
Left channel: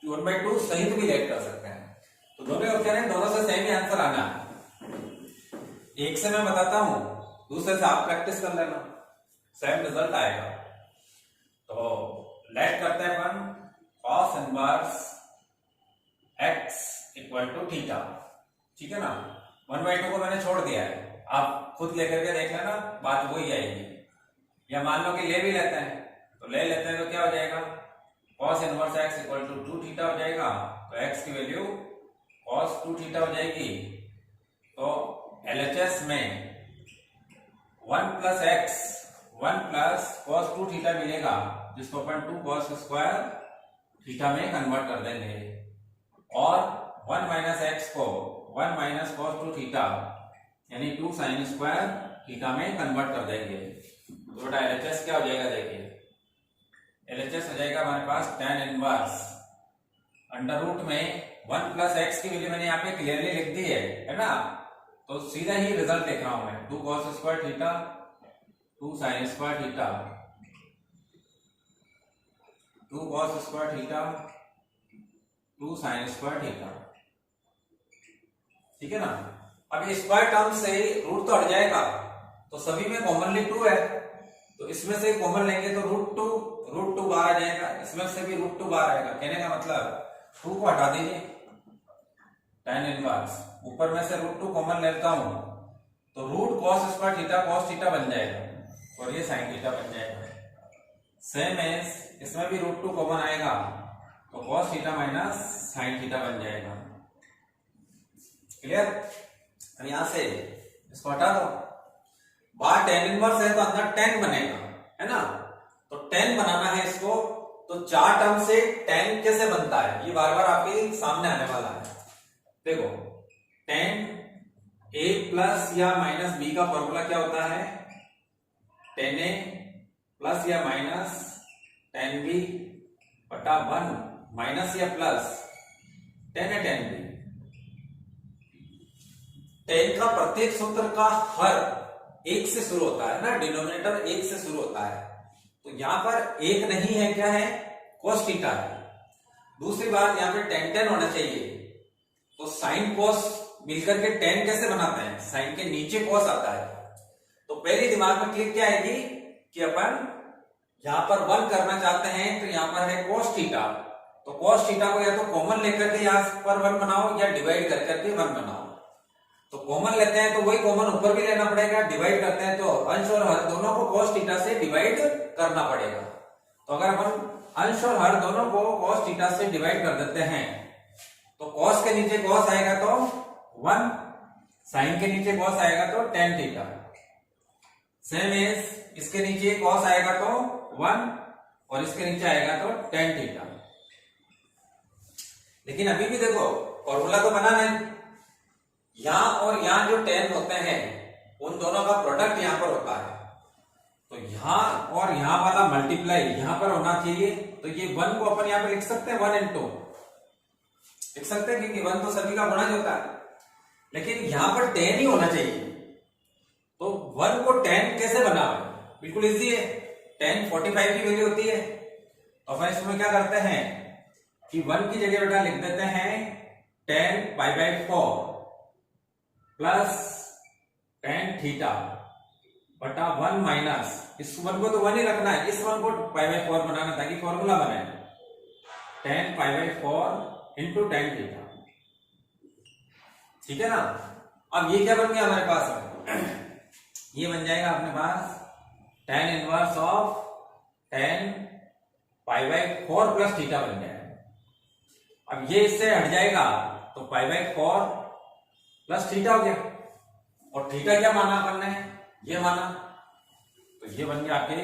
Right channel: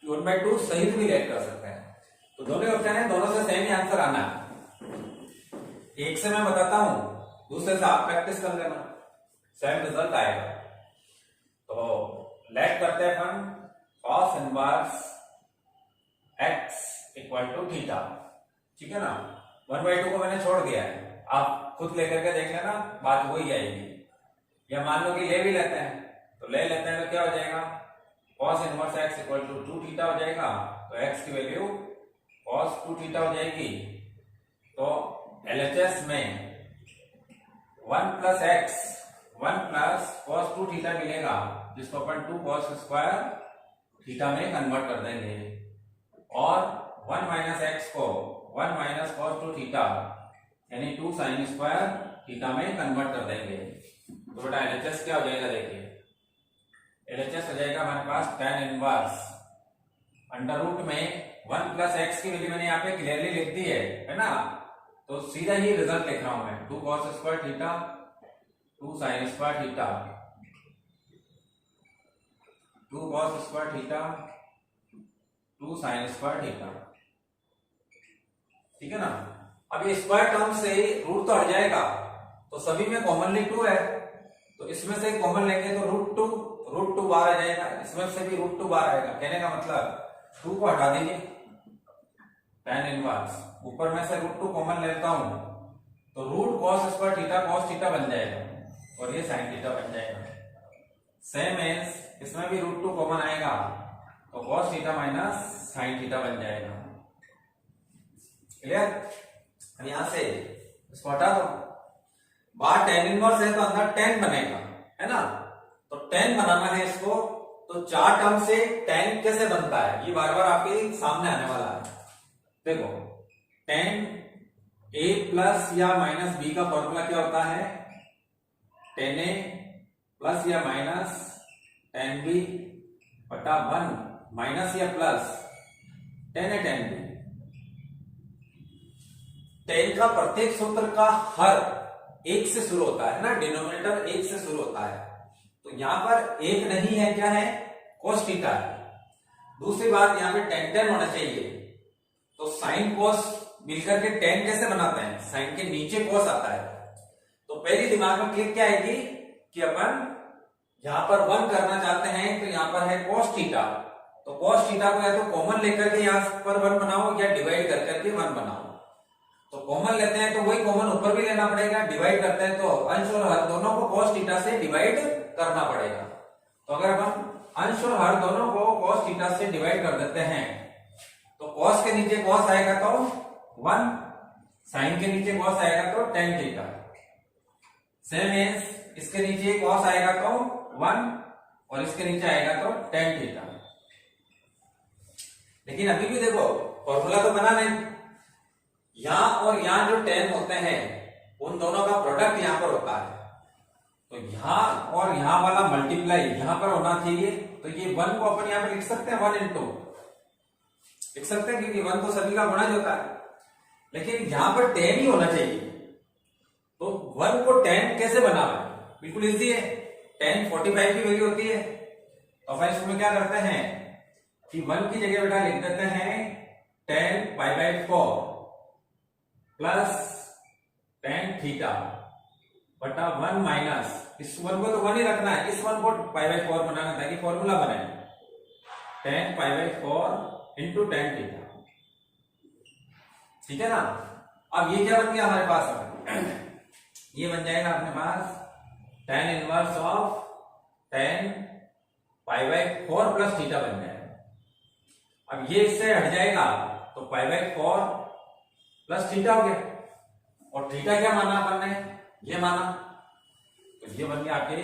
1/2 सहित भी लेट कर सकते हैं। तो दोनों ऑप्शन है, दोनों से सेम ही आंसर आना है। एक से मैं बताता हूं, दूसरे से आप प्रैक्टिस कर लेना, सेम रिजल्ट आएगा। तो लेट करते हैं अपन cos inverse x equal to theta, ठीक है ना। 1/2 को मैंने छोड़ दिया है, आप खुद लेकर के देख लेना, बात वही आएगी। या मान लो कि ले भी लेते हैं, तो ले लेते हैं तो क्या हो जाएगा, cos inverse x equal to 2 theta हो जाएगा। तो x की वैल्यू cos 2 थीटा हो जाएगी। तो LHS में 1 plus x 1 plus cos 2 theta मिलेगा, जिसको अपन 2 cos स्क्वायर थीटा में कन्वर्ट कर देंगे, और 1 माइनस एक्स को 1 माइनस cos 2 थीटा यानी 2 sin स्क्वायर थीटा में कन्वर्ट कर देंगे। तो बेटा LHS क्या हो जाएगा, देखिए LHS हो जाएगा हमारे पास tan इनवर्स अंडर रूट में 1 प्लस एक्स की वैल्यू मैंने यहाँ पे क्लियरली लिख दी है ना। तो सीधा ही रिजल्ट देख रहा हूं मैं, 2 cos square theta 2 sin square theta 2 cos square theta 2 sin square theta, ठीक है ना। अब ये स्क्वायर टर्म से रूट तो हट जाएगा, तो सभी में कॉमनली 2 है, तो इसमें से कॉमन लेंगे तो √2 बाहर आ जाएगा, इसमें से भी √2 बाहर आएगा। कहने का मतलब 2 को हटा दीजिए, tan इनवर्स ऊपर में से √2 कॉमन लेता हूं तो root cos square theta cos theta बन जाएगा और ये साइन थीटा बन जाएगा। सेम एज इसमें भी रूट 2 कॉमन आएगा तो cos theta minus sine theta बन जाएगा। क्लियर? अब यहां से इसको हटा दो, बाहर टेन इनवर्स है तो अंदर टेन बनेगा, है ना? तो टेन बनाना है इसको, तो चार टर्म से टेन कैसे बनता है ये बार बार आपके सामने आने वाला है। देखो टेन ए प्लस या माइनस बी का फॉर्मूला क्या होता है? टेन ए प्लस या माइनस टेन बी बटा 1 माइनस या plus tan A tan B. Ten का प्रत्येक सूत्र का हर एक से शुरू होता है ना, डिनोमिनेटर एक से शुरू होता है, तो यहां पर एक नहीं है, क्या है? cos थीटा है। दूसरी बात यहां पे टेन टेन होना चाहिए, तो साइन cos मिलकर के टेन कैसे बनाते हैं? साइन के नीचे cos आता है। तो पहली दिमाग में क्लिक क्या आएगी कि अपन यहां पर 1 करना चाहते हैं, तो यहां पर है cos थीटा, तो cos थीटा को या तो कॉमन लेकर के यहां पर 1 बनाओ या डिवाइड कर करके 1 बनाओ। तो कॉमन लेते हैं तो वही कॉमन ऊपर भी लेना पड़ेगा, डिवाइड करते हैं तो अंश और हर दोनों को cos थीटा से डिवाइड करना पड़ेगा। तो अगर अपन अंश और हर दोनों को cos थीटा से डिवाइड कर देते हैं तो cos के नीचे cos आएगा तो 1, साइन के नीचे cos आएगा तो tan थीटा। सेम एज इसके नीचे cos आएगा तो 1 और इसके नीचे आएगा तो tan थीटा। लेकिन अभी भी देखो फॉर्मूला तो बना नहीं, यहां और यहां जो tan होते हैं उन दोनों का प्रोडक्ट यहां पर होता है, तो यहां और यहां वाला मल्टीप्लाई यहां पर होना चाहिए। तो ये 1 को अपन यहां पे लिख सकते हैं 1 into लिख सकते हैं, क्योंकि 1 तो सभी का गुणज होता है, लेकिन यहां पर tan ही होना चाहिए। तो 1 को tan कैसे बनावे? बिल्कुल इजी है, tan 45 की वैल्यू होती है, तो अपन इसमें क्या करते हैं कि 1 की जगह बेटा लिख देते हैं tan π/4 प्लस tan थीटा बटा 1 माइनस, इस 1 को तो 1 ही रखना है, इस 1 को π/4 बनाना ताकि फॉर्मूला बने, tan π/4 इंटू tan थीटा। ठीक है ना? अब ये क्या बन गया हमारे पास? ये बन जाएगा अपने पास tan inverse of tan π/4 plus theta बन जाएगा। अब ये इससे हट जाएगा तो π/4 प्लस थीटा हो गया, और थीटा क्या माना अपन ने? ये माना, तो ये बन गया आपके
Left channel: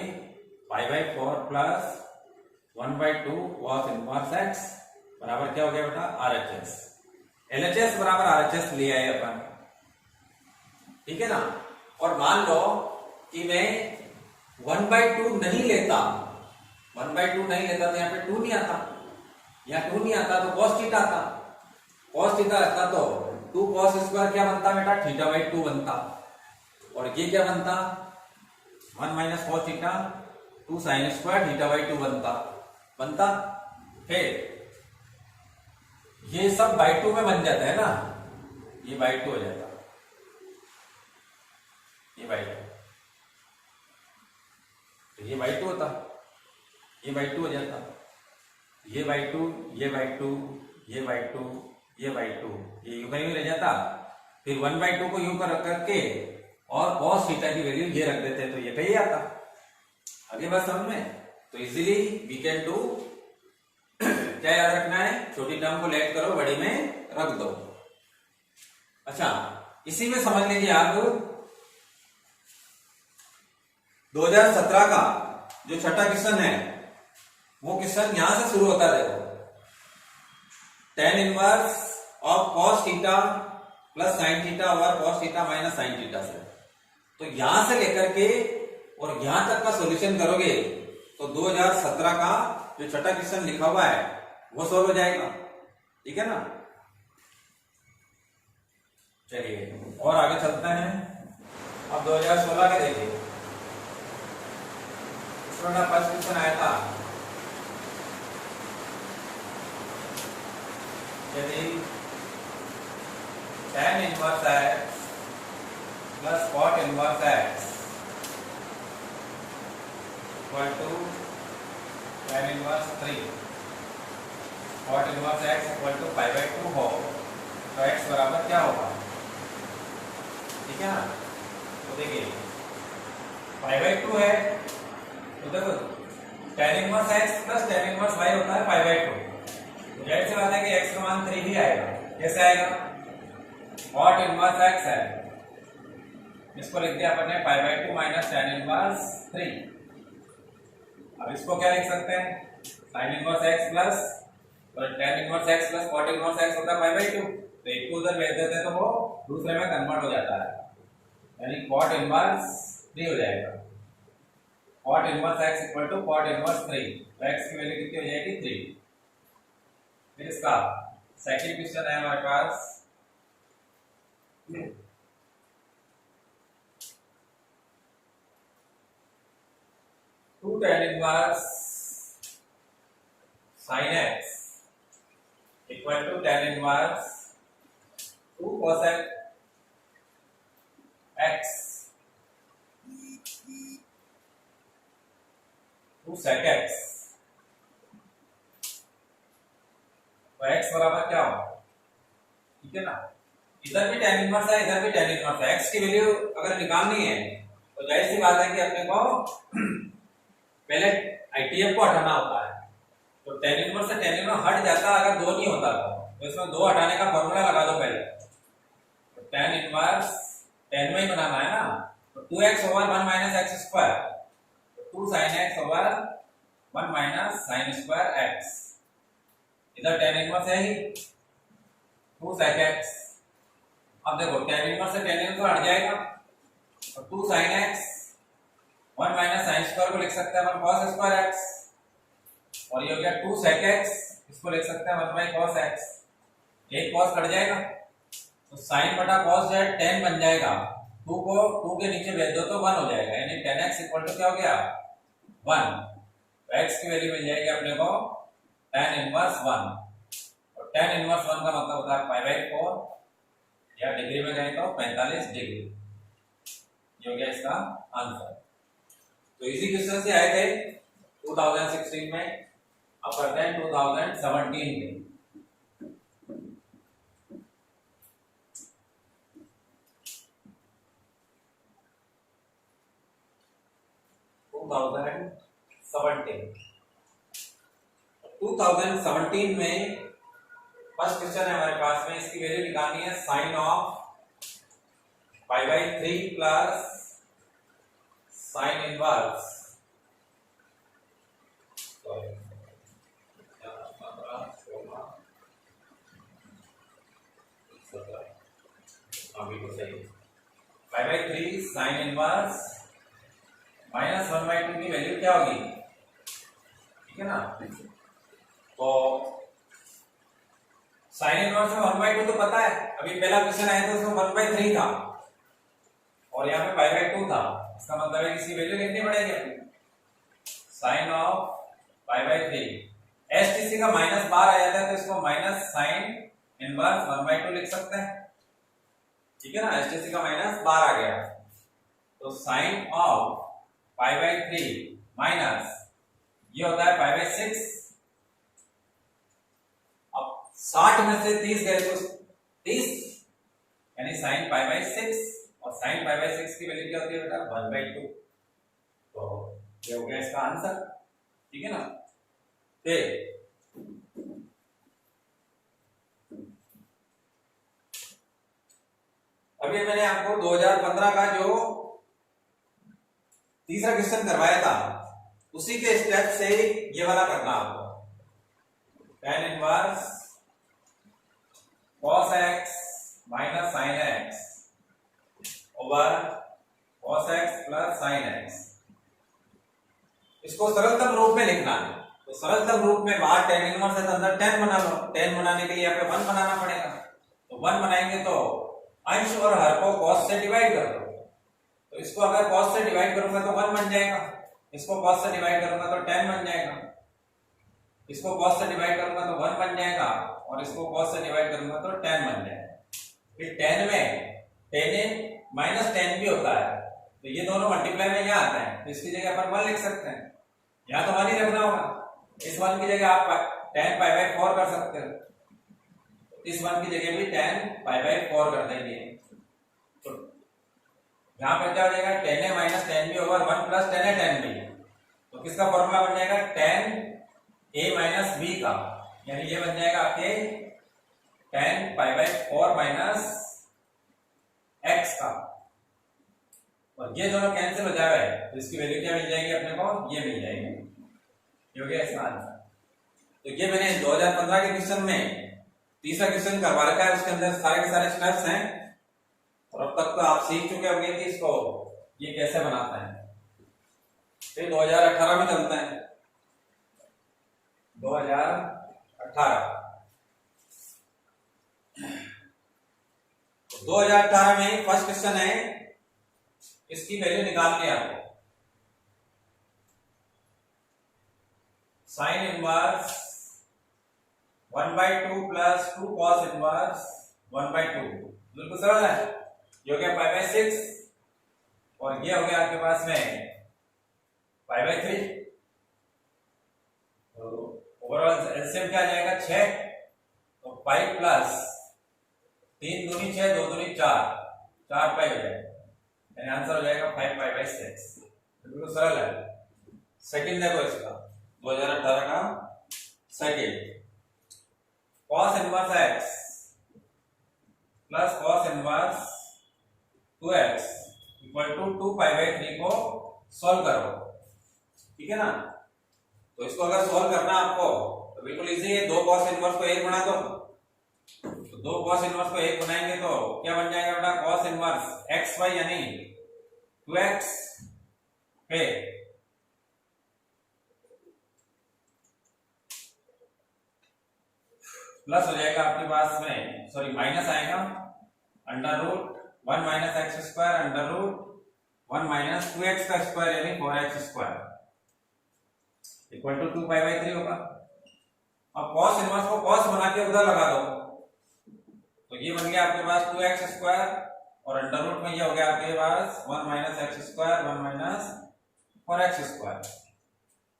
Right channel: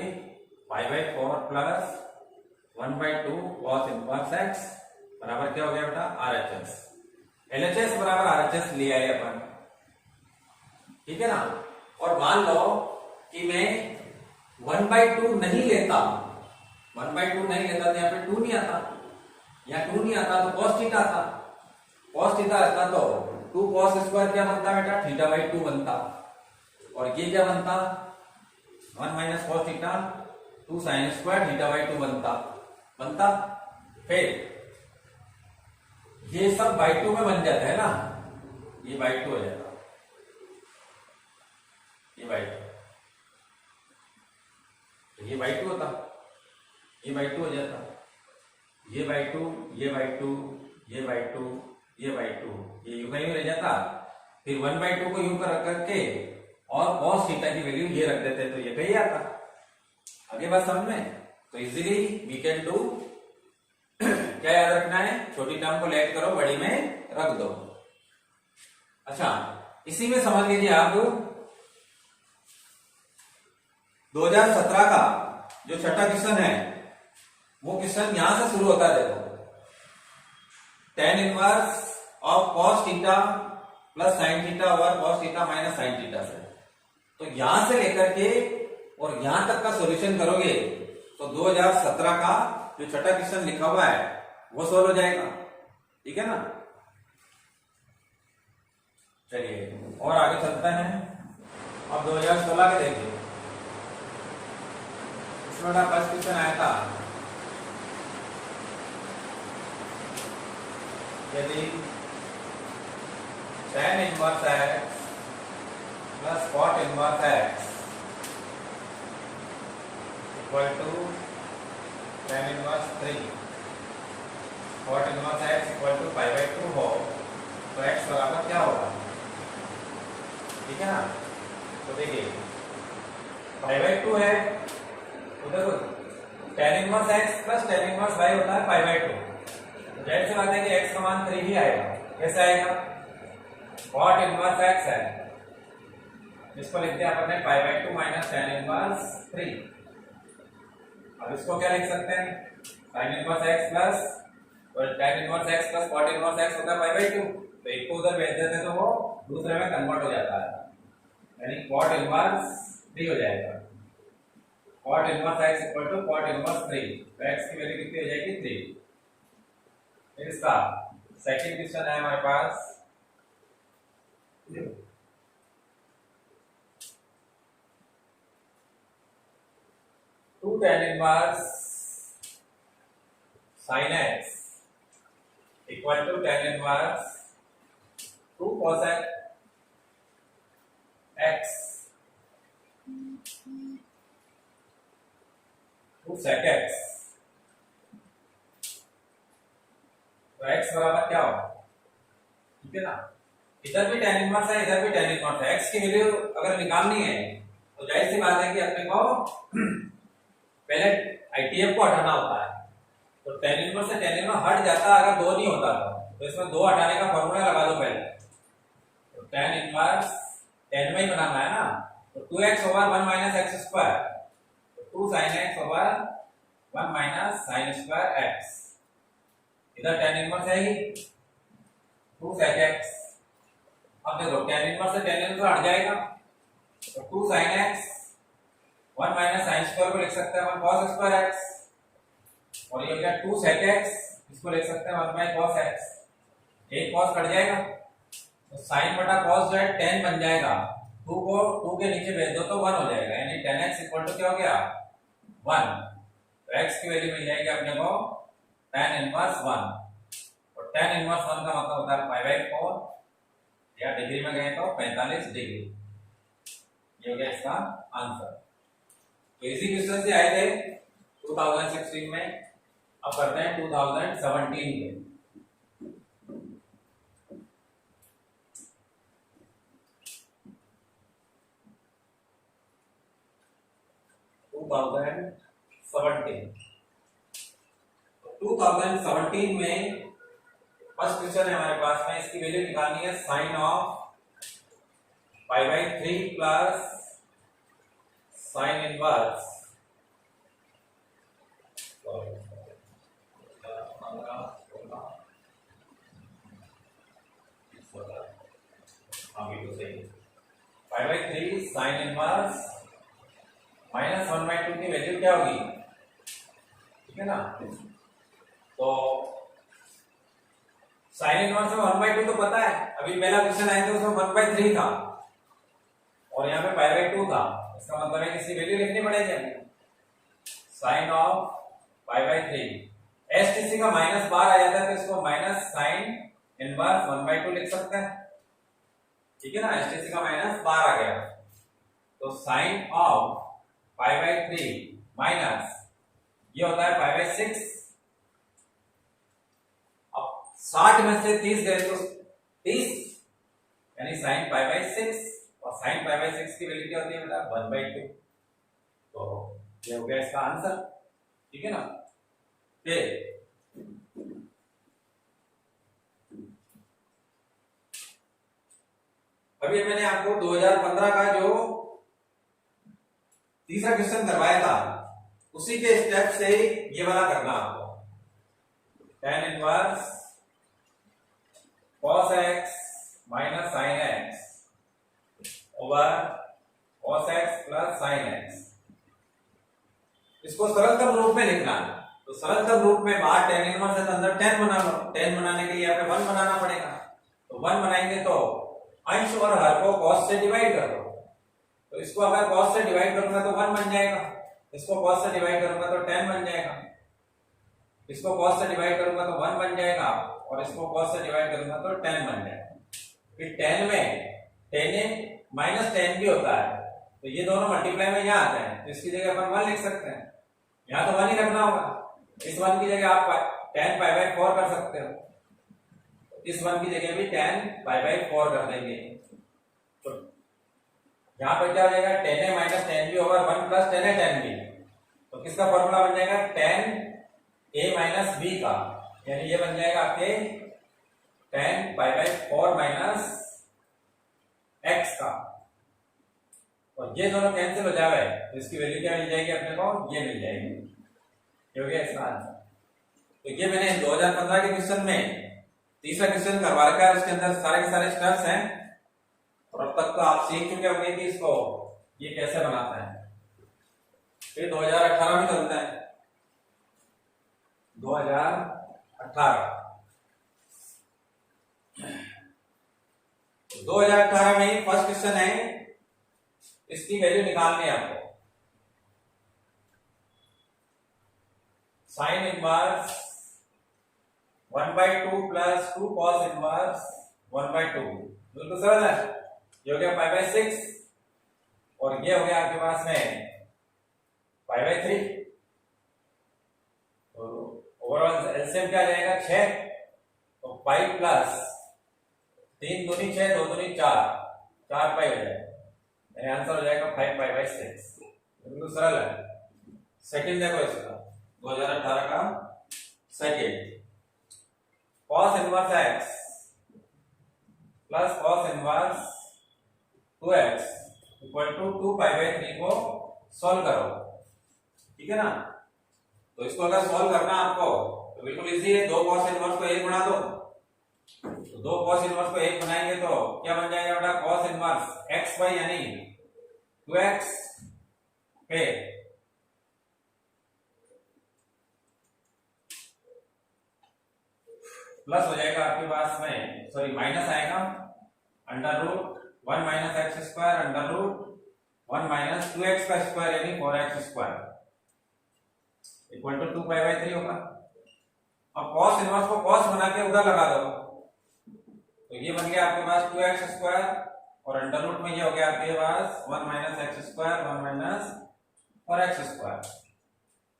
π/4 प्लस 1/2 cos इनवर्स x बराबर क्या हो गया बेटा? RHS। LHS बराबर RHS लिया है अपन, ठीक है ना? और मान लो कि मैं 1/2 नहीं लेता, 1/2 नहीं लेता तो यहाँ पे 2 नहीं आता, या 2 नहीं आता तो cos थीटा आता, cos थीटा आता तो 2 cos स्क्वायर क्या बनता बेटा? θ/2 बनता, और ये क्या बनता? 1 minus cos theta 2 sin square θ/2 बनता। फिर ये सब बाई 2 में बन जाता है ना, ये बाई 2 हो जाता, ये बाई 2, तो ये बाई 2 होता, ये बाई 2 हो जाता, ये बाई 2, ये बाई 2, ये बाई 2, ये बाई 2, ये यू में रह जाता। फिर 1/2 को यू कर रख करके और cos थीटा की वैल्यू ये रख देते तो ये कहीं आता। आगे बात समझ में? तो इजीली वी कैन डू, क्या याद रखना है? छोटी टर्म को लेट करो, बड़ी में रख दो। अच्छा, इसी में समझ लीजिए आप 2017 का जो छठा क्वेश्चन है वो क्वेश्चन यहां से शुरू होता है। देखो tan inverse of cos theta plus sin theta और cos theta minus sin theta से, तो यहां से लेकर के और यहां तक का सॉल्यूशन करोगे तो 2017 का जो छठा क्वेश्चन लिखा हुआ है वो सॉल्व हो जाएगा। ठीक है ना? चलिए और आगे चलते हैं। अब 2016 के देखिए, इसमें फर्स्ट क्वेश्चन आया था, यदि tan inverse x plus cot inverse x equal to tan inverse 3 cot inverse x equal to π/2 हो तो x बराबर क्या होगा? ठीक है ना? पाई बाई 2 है तो देखो tan inverse x plus tan inverse y होता है पाई बाई 2। तो जाहिर सी बात है कि x का मान 3 ही आएगा। कैसे आएगा? cot इनवर्स x है, इसको लिख दिया अपन ने पाई बाई 2 माइनस tan इनवर्स 3। अब इसको क्या लिख सकते हैं? sin इनवर्स x प्लस और tan inverse x plus cot inverse x होता है पाई बाई 2। तो एक को उधर भेज देते हैं तो वो दूसरे में कन्वर्ट हो जाता है, यानी cot इनवर्स 3 हो जाएगा। cot inverse x equal to cot inverse 3। तो x की वैल्यू कितनी हो जाएगी? 3। फिर इसका सेकंड क्वेश्चन है हमारे पास, two tan inverse sin x equal to tan inverse 2 cos x 2 sec x। तो x बराबर क्या होगा? ठीक है ना, इधर भी tan इनवर्स है, इधर भी tan इनवर्स है। x की वैल्यू अगर निकालनी है तो जाहिर सी बात है कि अपने को पहले ITF को हटाना होता है। तो tan इनवर्स से tan इनवर्स हट जाता अगर 2 नहीं होता तो इसमें 2 हटाने का फॉर्मूला लगा दो पहले। तो tan इनवर्स tan में ही बनाना है ना, तो 2x over 1 minus x square, तो 2 sin x over 1 minus sin square x। इधर tan इनवर्स है ही 2 sec x। अब देखो tan इनवर्स से tan इनवर्स हट जाएगा तो 2 sin x 1 minus sin square को लिख सकते हैं 1 cos स्क्वायर x, और ये हो गया 2 sec x, इसको लिख सकते हैं 1 by cos x। एक cos कट जाएगा तो sin बटा cos जो है tan बन जाएगा, 2 को 2 के नीचे भेज दो तो 1 हो जाएगा, यानी tan x इक्वल टू क्या हो गया? 1। तो x की वैल्यू मिल जाएगी अपने को tan इनवर्स 1, और tan इनवर्स 1 का मतलब होता है पाई बाई 4, या डिग्री में कहें तो 45 डिग्री। ये हो गया इसका आंसर। तो इसी क्वेश्चन से आए थे 2016 में। अब करते हैं 2017 के। टू थाउजेंड सेवनटीन में फर्स्ट क्वेश्चन है हमारे पास में, इसकी वैल्यू निकालनी है sine of pi by 3 plus sine inverse pi by 3 sine inverse minus 1 by 2 की वैल्यू क्या होगी? ठीक है ना, तो साइन इनवर्स में 1 बाई 2 तो पता है, अभी पहला क्वेश्चन आया था उसमें 1 बाई 3 था और यहाँ पे पाई बाई 2 था। इसका मतलब है कि इसकी वैल्यू लिखनी पड़ेगी हमें। Sine of pi by 3, STC का माइनस बार आ जाता है तो इसको माइनस साइन इनवर्स 1 बाई 2 लिख सकते हैं। ठीक है ना, एसटीसी का माइनस बार आ गया तो sine of pi by 3 minus ये होता है पाई बाई 6। अब 60 में से 30 गए तो 30, यानी साइन पाई बाई 6, और साइन पाई बाई 6 की वैल्यू क्या होती है बेटा? 1 बाई 2। तो ये हो गया इसका आंसर। ठीक है ना, अभी मैंने आपको 2015 का जो तीसरा क्वेश्चन करवाया था उसी के स्टेप से ये वाला करना आपको। tan inverse cos x minus sin x over cos x plus sin x, इसको सरलतम रूप में लिखना है। तो सरलतम रूप में बाहर tan इनवर्स है तो अंदर tan बना लो। tan बनाने के लिए यहाँ पे 1 बनाना पड़ेगा, तो 1 बनाएंगे तो अंश और हर को cos से डिवाइड कर दो। तो इसको अगर cos से डिवाइड करूंगा तो 1 बन जाएगा, इसको cos से डिवाइड करूंगा तो tan बन जाएगा, इसको cos से डिवाइड करूंगा तो 1 बन जाएगा, और इसको cos से डिवाइड करूंगा तो tan बन जाएगा। फिर tan में tan माइनस tan भी होता है, तो ये दोनों मल्टीप्लाई में यहाँ आता है, तो इसकी जगह अपन 1 लिख सकते हैं। यहाँ तो 1 ही रखना होगा, इस 1 की जगह आप tan पाई बाई 4 कर सकते हो, इस 1 की जगह भी tan पाई बाई 4 कर देंगे। तो यहाँ पर क्या हो जाएगा, tan A minus tan B over one plus tan A tan B. तो किसका फॉर्मूला बन जाएगा, टेन ए माइनस बी का, यानी ये बन जाएगा आपके ten pi by four minus x का। और ये दोनों कैंसिल हो जा रहा है तो इसकी वैल्यू क्या मिल जाएगी अपने को, ये मिल जाएगी, क्योंकि इसका आंसर। तो ये मैंने 2015 के क्वेश्चन में तीसरा क्वेश्चन करवा रखा है, उसके अंदर सारे के सारे स्टेप्स हैं और अब तक तो आप सीख चुके होंगे कि इसको ये कैसे बनाता है। फिर 2018 में चलते हैं, 2018 2018 में फर्स्ट क्वेश्चन है, इसकी वैल्यू निकालनी है आपको। Sign inverse 1/2 plus 2 cos inverse 1/2, बिल्कुल सरल है। ये हो गया 5/6 और ये हो गया आपके पास में 5/3। तो ओवरऑल एलसीएम क्या जाएगा 6, तो 5 प्लस 3 दूनी 6, 2 दूनी 4, 4 पाई हो जाएगा, यानी आंसर हो जाएगा 5/6। बिल्कुल सरल है। सेकंड देखो इसका 2018 का second, cos inverse x plus cos inverse 2x equal to 2π/3 को सॉल्व करो, ठीक है ना। तो इसको अगर सॉल्व करना आपको तो बिल्कुल इजी है, 2 cos इनवर्स को 1 बना दो। तो 2 cos इनवर्स को 1 बनाएंगे तो क्या बन जाएगा बेटा, cos इनवर्स xy यानी 2x पे प्लस हो जाएगा आपके पास में, सॉरी माइनस आएगा, under root 1 minus x square under root 1 minus 2x का स्क्वायर यानी 4x स्क्वायर इक्वल टू 2π/3 होगा। अब cos इनवर्स को cos बना के उधर लगा दो, तो ये बन गया आपके पास 2x स्क्वायर और अंडर रूट में ये हो गया आपके पास 1 minus x square 1 minus 4x square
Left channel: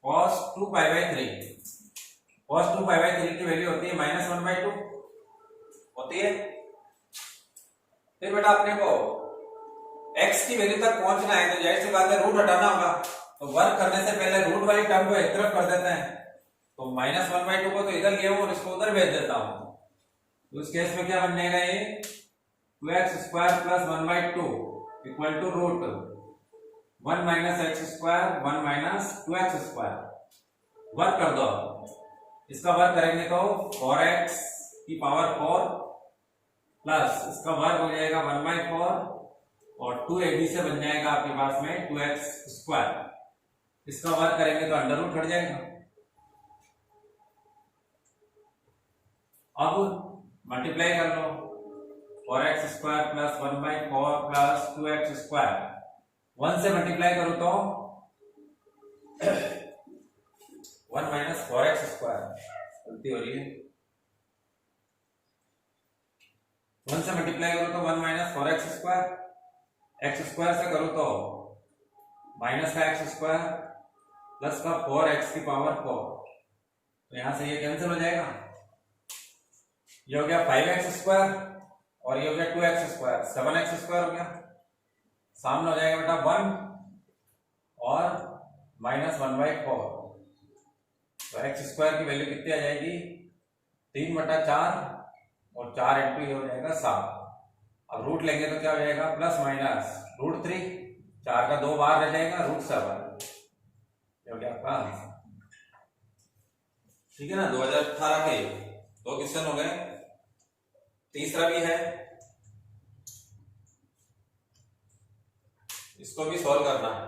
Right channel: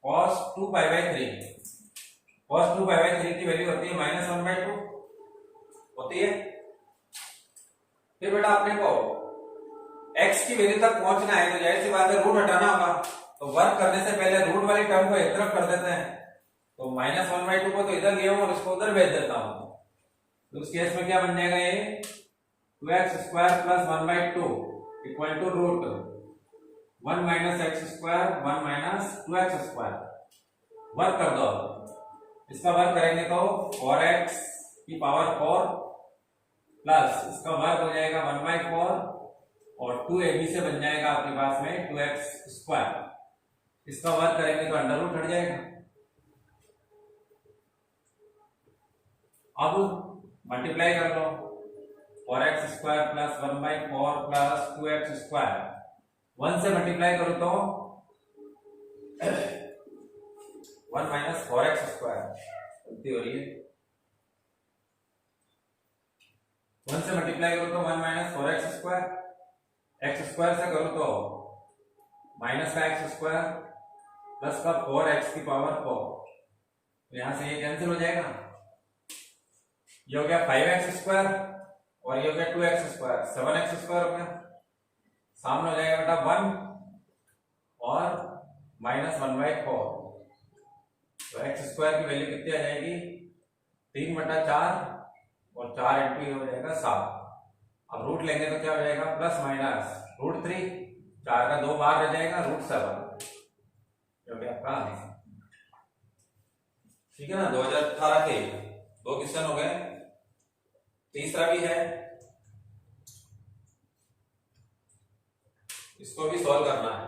cos 2π/3। cos 2π/3 की वैल्यू होती है -1/2 होती है। फिर बेटा अपने को x की वैल्यू तक पहुंचना है तो जाहिर सी बात है रूट हटाना होगा, तो वर्क करने से पहले रूट वाली टर्म को एक तरफ कर देते हैं। तो -1/2 को तो इधर ले और इसको उधर भेज देता हूं, तो उस केस में क्या बन जाएगा, ये 2x square plus 1/2 equal to root 1 minus x square 1 minus 2x square. Work कर दो, इसका वर्क करेंगे तो 4x की पावर 4 प्लस इसका वर्क हो जाएगा 1/4 और 2ab से बन जाएगा आपके पास में 2x स्क्वायर। इसका वर्क करेंगे तो अंडर रूट हट जाएगा। अब मल्टीप्लाई कर लो, 4x square plus 1/4 plus 2x square, 1 से मल्टीप्लाई करो तो 1 माइनस 4x स्क्वायर, गलती हो रही है, 1 से मल्टीप्लाई करो तो 1 minus 4x square, x square से करो तो माइनस का x स्क्वायर प्लस का 4x की पावर 4, तो यहां से ये कैंसिल हो जाएगा। ये हो गया 5x स्क्वायर और ये हो गया 2x स्क्वायर, 7x स्क्वायर हो गया, सामने हो जाएगा बेटा 1 और माइनस 1/4, तो x स्क्वायर की वैल्यू कितनी आ जाएगी, 3/4 और 4 इंटू ये हो जाएगा 7। अब रूट लेंगे तो क्या हो जाएगा, प्लस माइनस √3, 4 का 2 बार रह जाएगा √7, जो कि आपका आंसर। ठीक है ना। 2018 के 2 क्वेश्चन हो गए, तीसरा भी है, इसको भी सॉल्व करना है।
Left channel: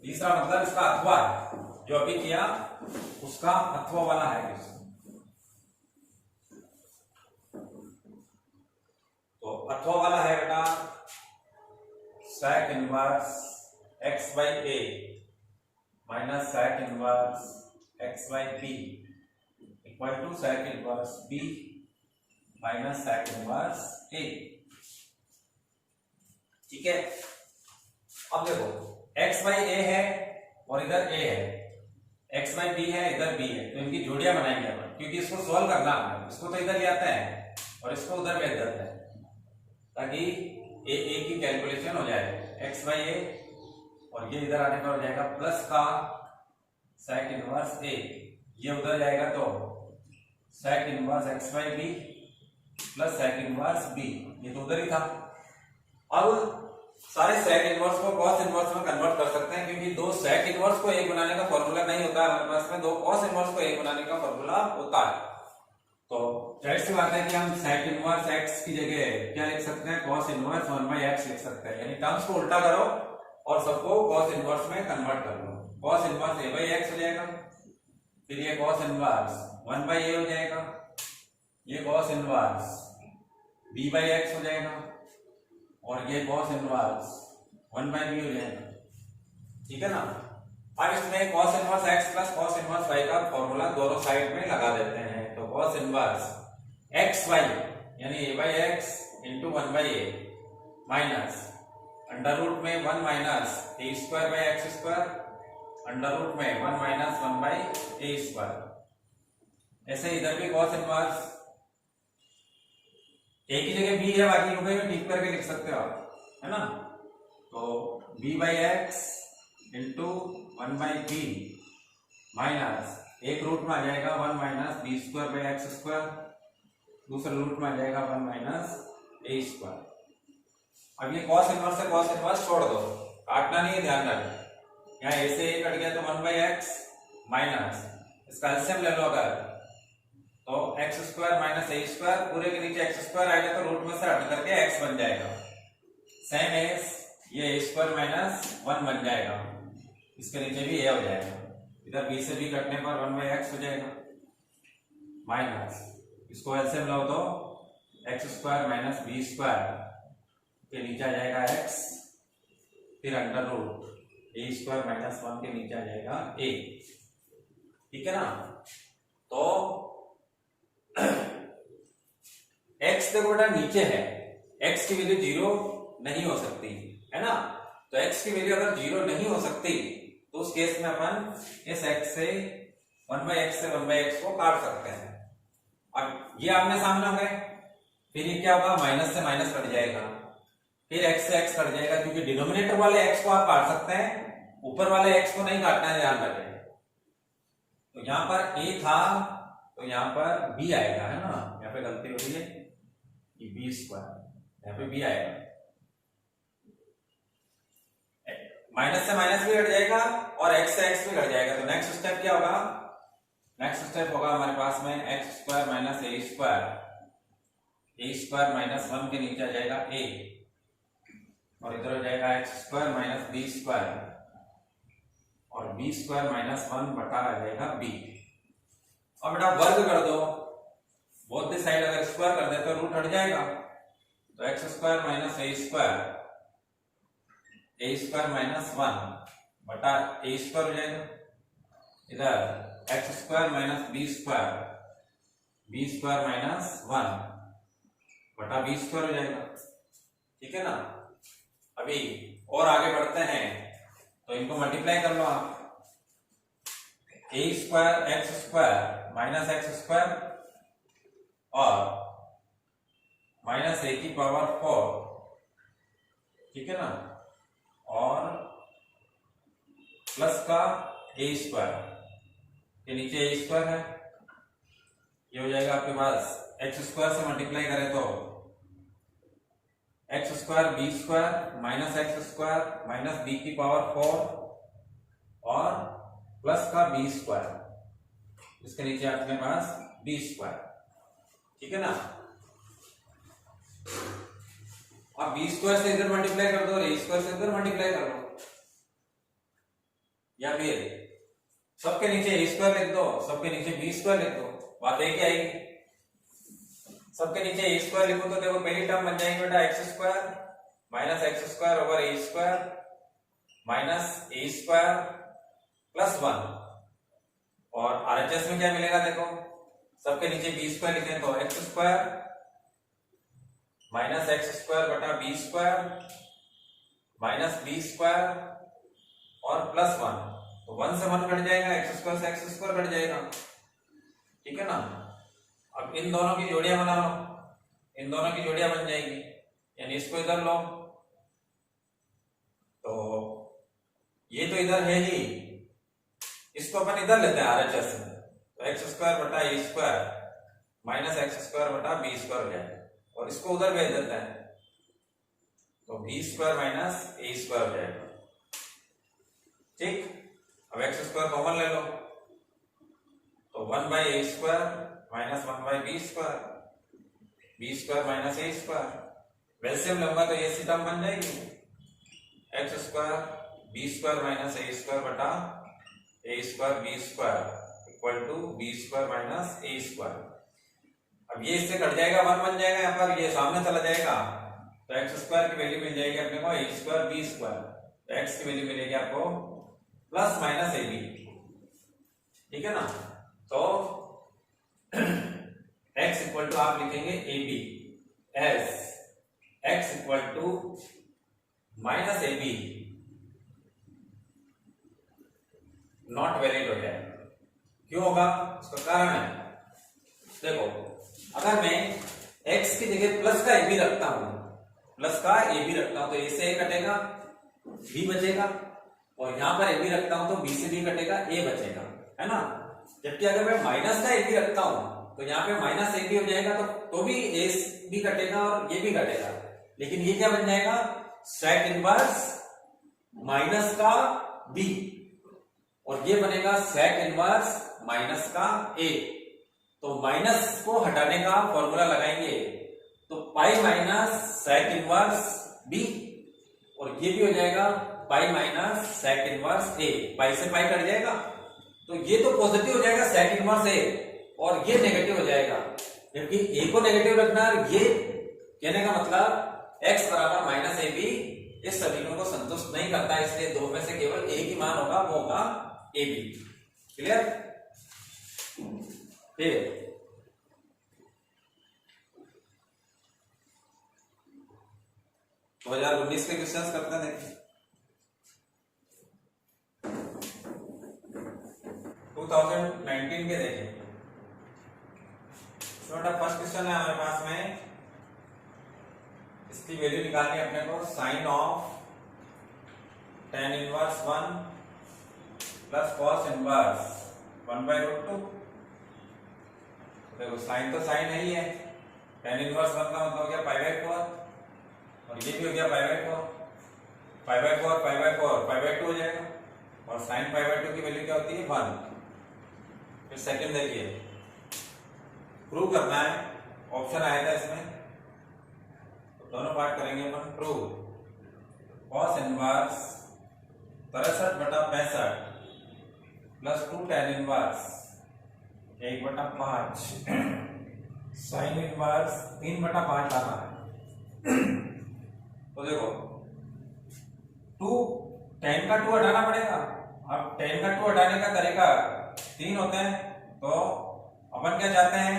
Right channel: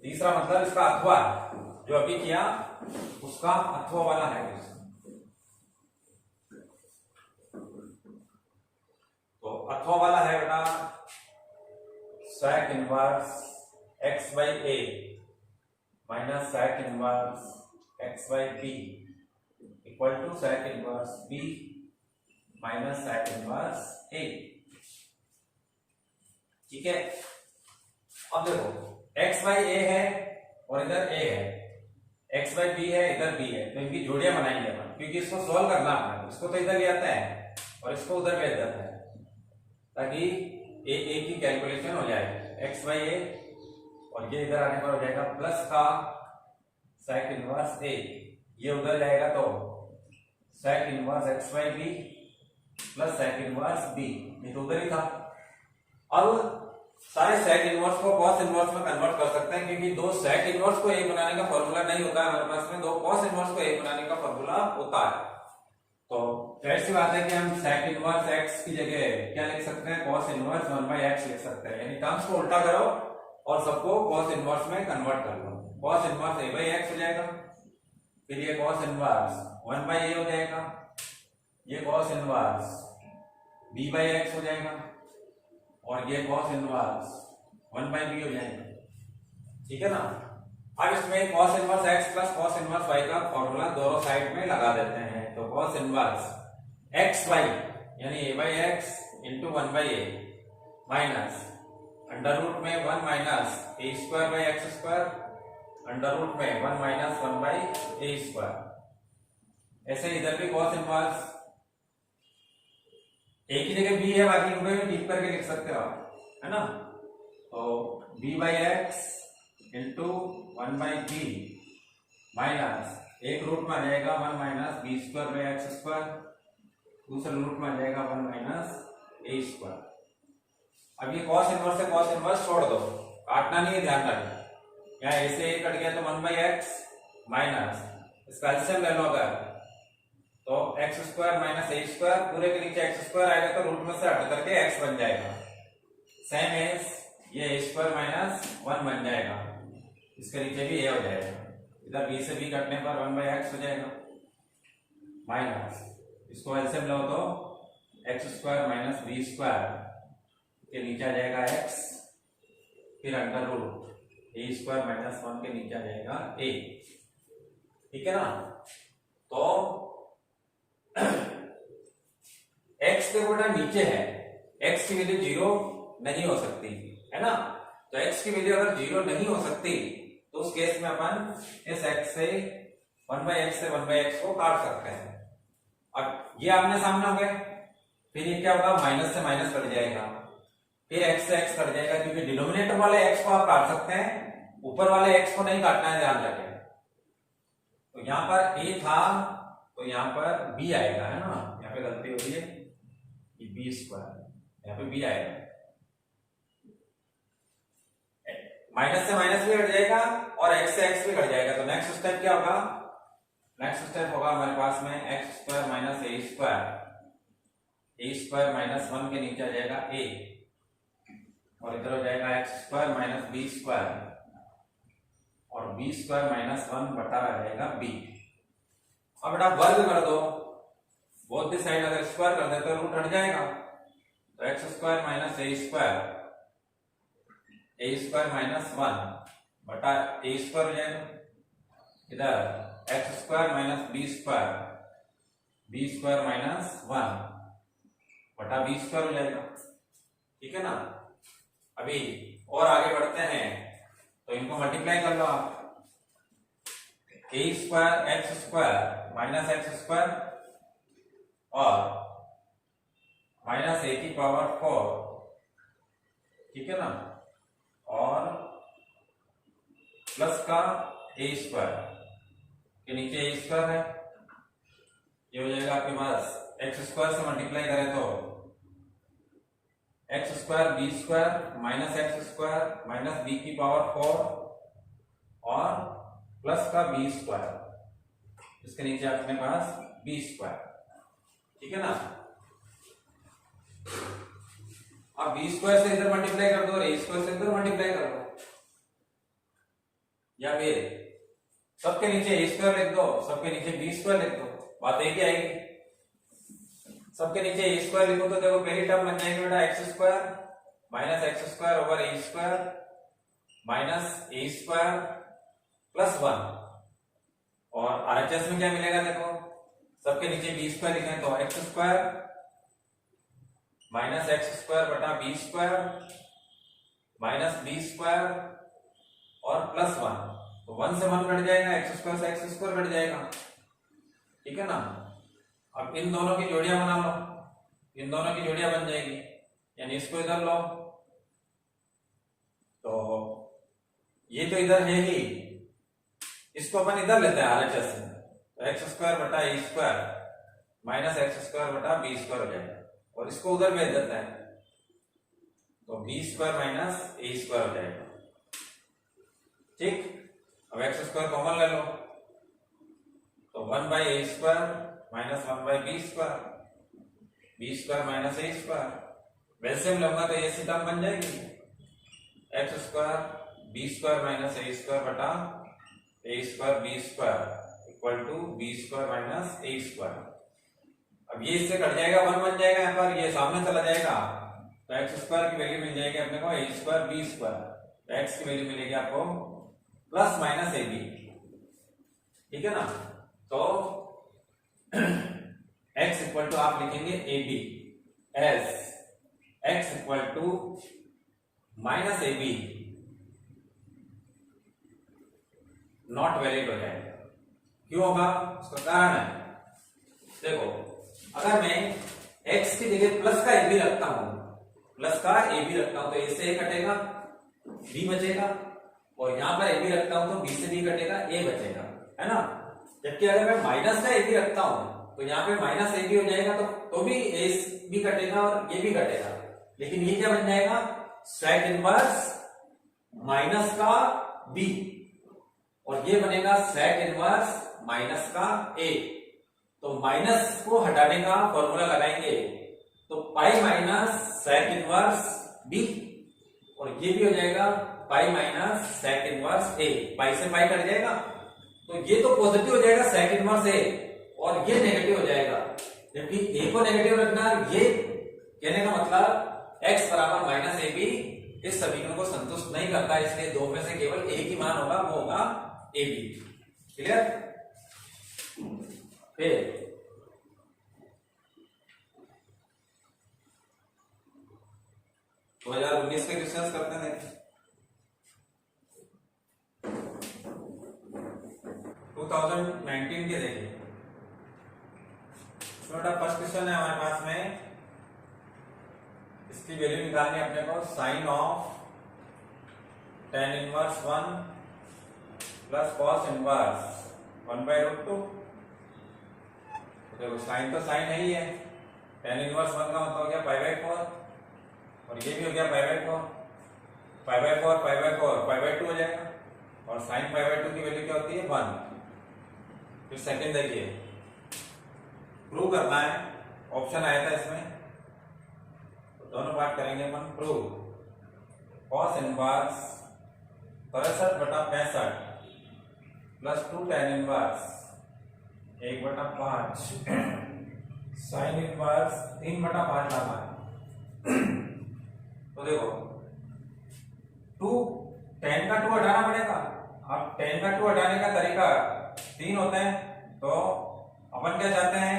तीसरा मतलब इसका अथवा है, जो अभी किया उसका अथवा वाला है क्वेश्चन। तो अथवा वाला है बेटा sec inverse x/a minus sec inverse x/b equal to sec inverse b minus sec inverse a। ठीक है। अब देखो x/a है और इधर a है, x/b है इधर b है, तो इनकी जोड़ियां बनाएंगे अपन, क्योंकि इसको सॉल्व करना है। इसको तो इधर ले आते हैं और इसको उधर भेज देते हैं, ताकि ए की कैलकुलेशन हो जाएगी एक्स बाई ए, और ये इधर आने पर हो जाएगा प्लस का सेक इनवर्स ए, ये उधर जाएगा तो sec inverse x by b plus sec inverse b, ये तो उधर ही था। अब सारे सेक इनवर्स को कॉस इनवर्स में कन्वर्ट कर सकते हैं, क्योंकि दो सेक इनवर्स को एक बनाने का फॉर्मूला नहीं होता है हमारे पास में, दो कॉस इनवर्स को एक बनाने का फॉर्मूला होता है। तो जाहिर सी बात है कि हम सेक इनवर्स एक्स की जगह क्या लिख सकते हैं, कॉस इनवर्स 1/x लिख सकते हैं, यानी टर्म्स को उल्टा करो और सबको कॉस इनवर्स में कन्वर्ट कर लो। कॉस इनवर्स a/x हो जाएगा, फिर ये कॉस इनवर्स 1/a हो जाएगा, ये कॉस इनवर्स b/x हो जाएगा, और ये कॉस इनवर्स 1/b हो जाएगा। ठीक है ना। अब इसमें cos inverse x plus cos inverse y का फॉर्मूला दोनों साइड में लगा देते हैं। तो कॉस इनवर्स xy यानी a/x into 1/a minus under root में 1 minus a square by x square, under root में 1 माइनस 1/a स्क्वायर। ऐसे इधर भी कॉस इनवर्स a की जगह b है, बाकी रुपए में टिक करके लिख सकते हो आप, है ना। तो b/x इंटू 1/b माइनस एक रूट में आ जाएगा 1 minus b square by x square, दूसरे रूट में आ जाएगा 1 माइनस ए स्क्वायर। अब ये कॉस इनवर्स से कॉस इनवर्स छोड़ दो, काटना नहीं है, ध्यान रखना। यहाँ ए से ए कट गया तो 1/x माइनस इसका एलसीएम ले लो अगर, तो x square minus a square, पूरे के नीचे एक्स स्क्वायर आएगा तो रूट में से हट करके एक्स बन जाएगा। सेम एज ये ए स्क्वायर माइनस 1 बन जाएगा, इसके नीचे भी ए हो जाएगा, इधर बी से बी कटने पर 1/x हो जाएगा, माइनस इसको एलसीएम लो तो x square minus b square के नीचे आ जाएगा x, फिर under root a square minus 1 के नीचे आ जाएगा a। ठीक है ना। तो x देखो बेटा नीचे है, x की वैल्यू 0 नहीं हो सकती है ना। तो x की वैल्यू अगर 0 नहीं हो सकती तो उस केस में अपन इस x से 1/x से 1/x को काट सकते हैं। अब ये आमने सामने हो गए, फिर ये क्या होगा, माइनस से माइनस कट जाएगा, फिर x से x कट जाएगा, क्योंकि डिनोमिनेटर वाले x को आप काट सकते हैं, ऊपर वाले x को नहीं काटना है, ध्यान रखें। तो यहाँ पर a था तो यहाँ पर b आएगा, है ना। यहाँ पे गलती हो रही है, ये b स्क्वायर, यहाँ पे b आएगा, माइनस से माइनस भी कट जाएगा और x से x भी कट जाएगा। तो नेक्स्ट स्टेप क्या होगा, नेक्स्ट स्टेप होगा हमारे पास में x square minus a square minus 1 के नीचे आ जाएगा a, और इधर हो जाएगा x square minus b square, और बी स्क्वायर माइनस 1 बटा आ जाएगा b। अब बेटा वर्ग कर दो, बोथ द साइड अगर स्क्वायर कर देते तो रूट हट जाएगा, तो x square minus a square minus 1 बटा ए स्क्वायर हो जाएगा, इधर x square minus b square minus 1 बटा बी स्क्वायर हो जाएगा। ठीक है ना। अभी और आगे बढ़ते हैं, तो इनको मल्टीप्लाई कर लो आप, a square x square minus x square और माइनस ए की पावर 4, ठीक है ना, और प्लस का ए स्क्वायर के नीचे ए स्क्वायर है, ये हो जाएगा आपके पास एक्स स्क्वायर से मल्टीप्लाई करें तो x square b square minus x square minus b की पावर 4 और प्लस का बी स्क्वायर, इसके नीचे अपने पास बी स्क्वायर। ठीक है ना। अब बी स्क्वायर से इधर मल्टीप्लाई कर दो और ए स्क्वायर से इधर मल्टीप्लाई कर दो, या फिर सबके नीचे ए स्क्वायर लिख दो, सबके नीचे बी स्क्वायर लिख दो, बात एक ही आएगी। सबके नीचे ए स्क्वायर लिखो तो देखो पहली टर्म बन जाएंगे बेटा x square minus x square over a square minus a square plus 1, और आरएचएस में क्या मिलेगा देखो, सबके नीचे बी स्क्वायर लिखें तो x square minus x square बटा b square minus b square और प्लस 1, तो 1 से 1 कट जाएगा, एक्स स्क्वायर से एक्स स्क्वायर कट जाएगा। ठीक है ना। अब इन दोनों की जोड़ियां बना लो, इन दोनों की जोड़ियां बन जाएगी, यानी इसको इधर लो, तो ये तो इधर है ही, इसको अपन इधर लेते हैं RHS में, तो एक्स स्क्वायर बटा a square minus x square बटा बी स्क्वायर हो जाएगा, और इसको उधर भेज देते हैं, तो B square minus a square हो जाएगा। ठीक, अब एक्स स्क्वायर कॉमन ले लो, तो 1/a square minus 1/b square, b square minus a square, वैसे हम लूंगा तो ये सी टर्म बन जाएगी, x square b square minus a square बटा a square b square equal to b square minus a square. अब ये इससे कट जाएगा, 1 बन जाएगा, यहाँ पर ये सामने चला जाएगा, तो एक्स स्क्वायर की वैल्यू मिल जाएगी अपने को ए स्क्वायर बी स्क्वायर, तो एक्स की वैल्यू मिलेगी आपको प्लस माइनस ए बी। ठीक है ना, तो x इक्वल टू आप लिखेंगे a b as x equal to minus a b not valid हो जाएगा। क्यों होगा, उसका कारण है, देखो अगर मैं x की जगह प्लस का ए बी रखता हूं, प्लस का ए बी रखता हूं, तो ए से ए कटेगा, बी बचेगा, और यहां पर ए बी रखता हूं तो बी से बी कटेगा, ए बचेगा, है ना। जबकि अगर मैं माइनस का ए बी रखता हूं तो यहाँ पे माइनस ए बी हो जाएगा, तो भी ए बी कटेगा और ये भी कटेगा, लेकिन ये क्या बन जाएगा, सेक इनवर्स माइनस का बी, और ये बनेगा सेक इनवर्स माइनस का ए। तो माइनस को हटाने का फॉर्मूला लगाएंगे, तो pi minus sec inverse b, और ये भी हो जाएगा पाई माइनस सेक इनवर्स ए, पाई से पाई कट जाएगा, तो ये तो पॉजिटिव हो जाएगा सेक इनवर्स ए, और ये नेगेटिव हो जाएगा, जबकि ए को नेगेटिव रखना, ये कहने का मतलब x बराबर माइनस ए बी इस समीकरण को संतुष्ट नहीं करता, इसलिए दो में से केवल एक ही मान होगा, वो होगा ए बी। क्लियर, फिर 2019 के क्वेश्चंस करते हैं, देखिए 2019 के देखिए, छोटा फर्स्ट क्वेश्चन है हमारे पास में, इसकी वैल्यू निकालनी है अपने को, sine of tan inverse 1 plus cos inverse 1/√2। देखो साइन तो साइन है ही है, tan इनवर्स 1 का मतलब हो गया π/4, और ये भी हो गया π/4, π/4 π/2 हो जाएगा, और साइन π/2 की वैल्यू क्या होती है 1। फिर सेकंड देखिए, प्रूव करना है, ऑप्शन आया था इसमें, तो दोनों पार्ट करेंगे अपन। Prove cos inverse 63/65 plus 2 tan inverse 1/5 sine inverse 3/5 लाना है। तो देखो 2 tan का 2 हटाना पड़ेगा, अब tan का 2 हटाने का तरीका 3 होते हैं, तो अपन क्या चाहते हैं,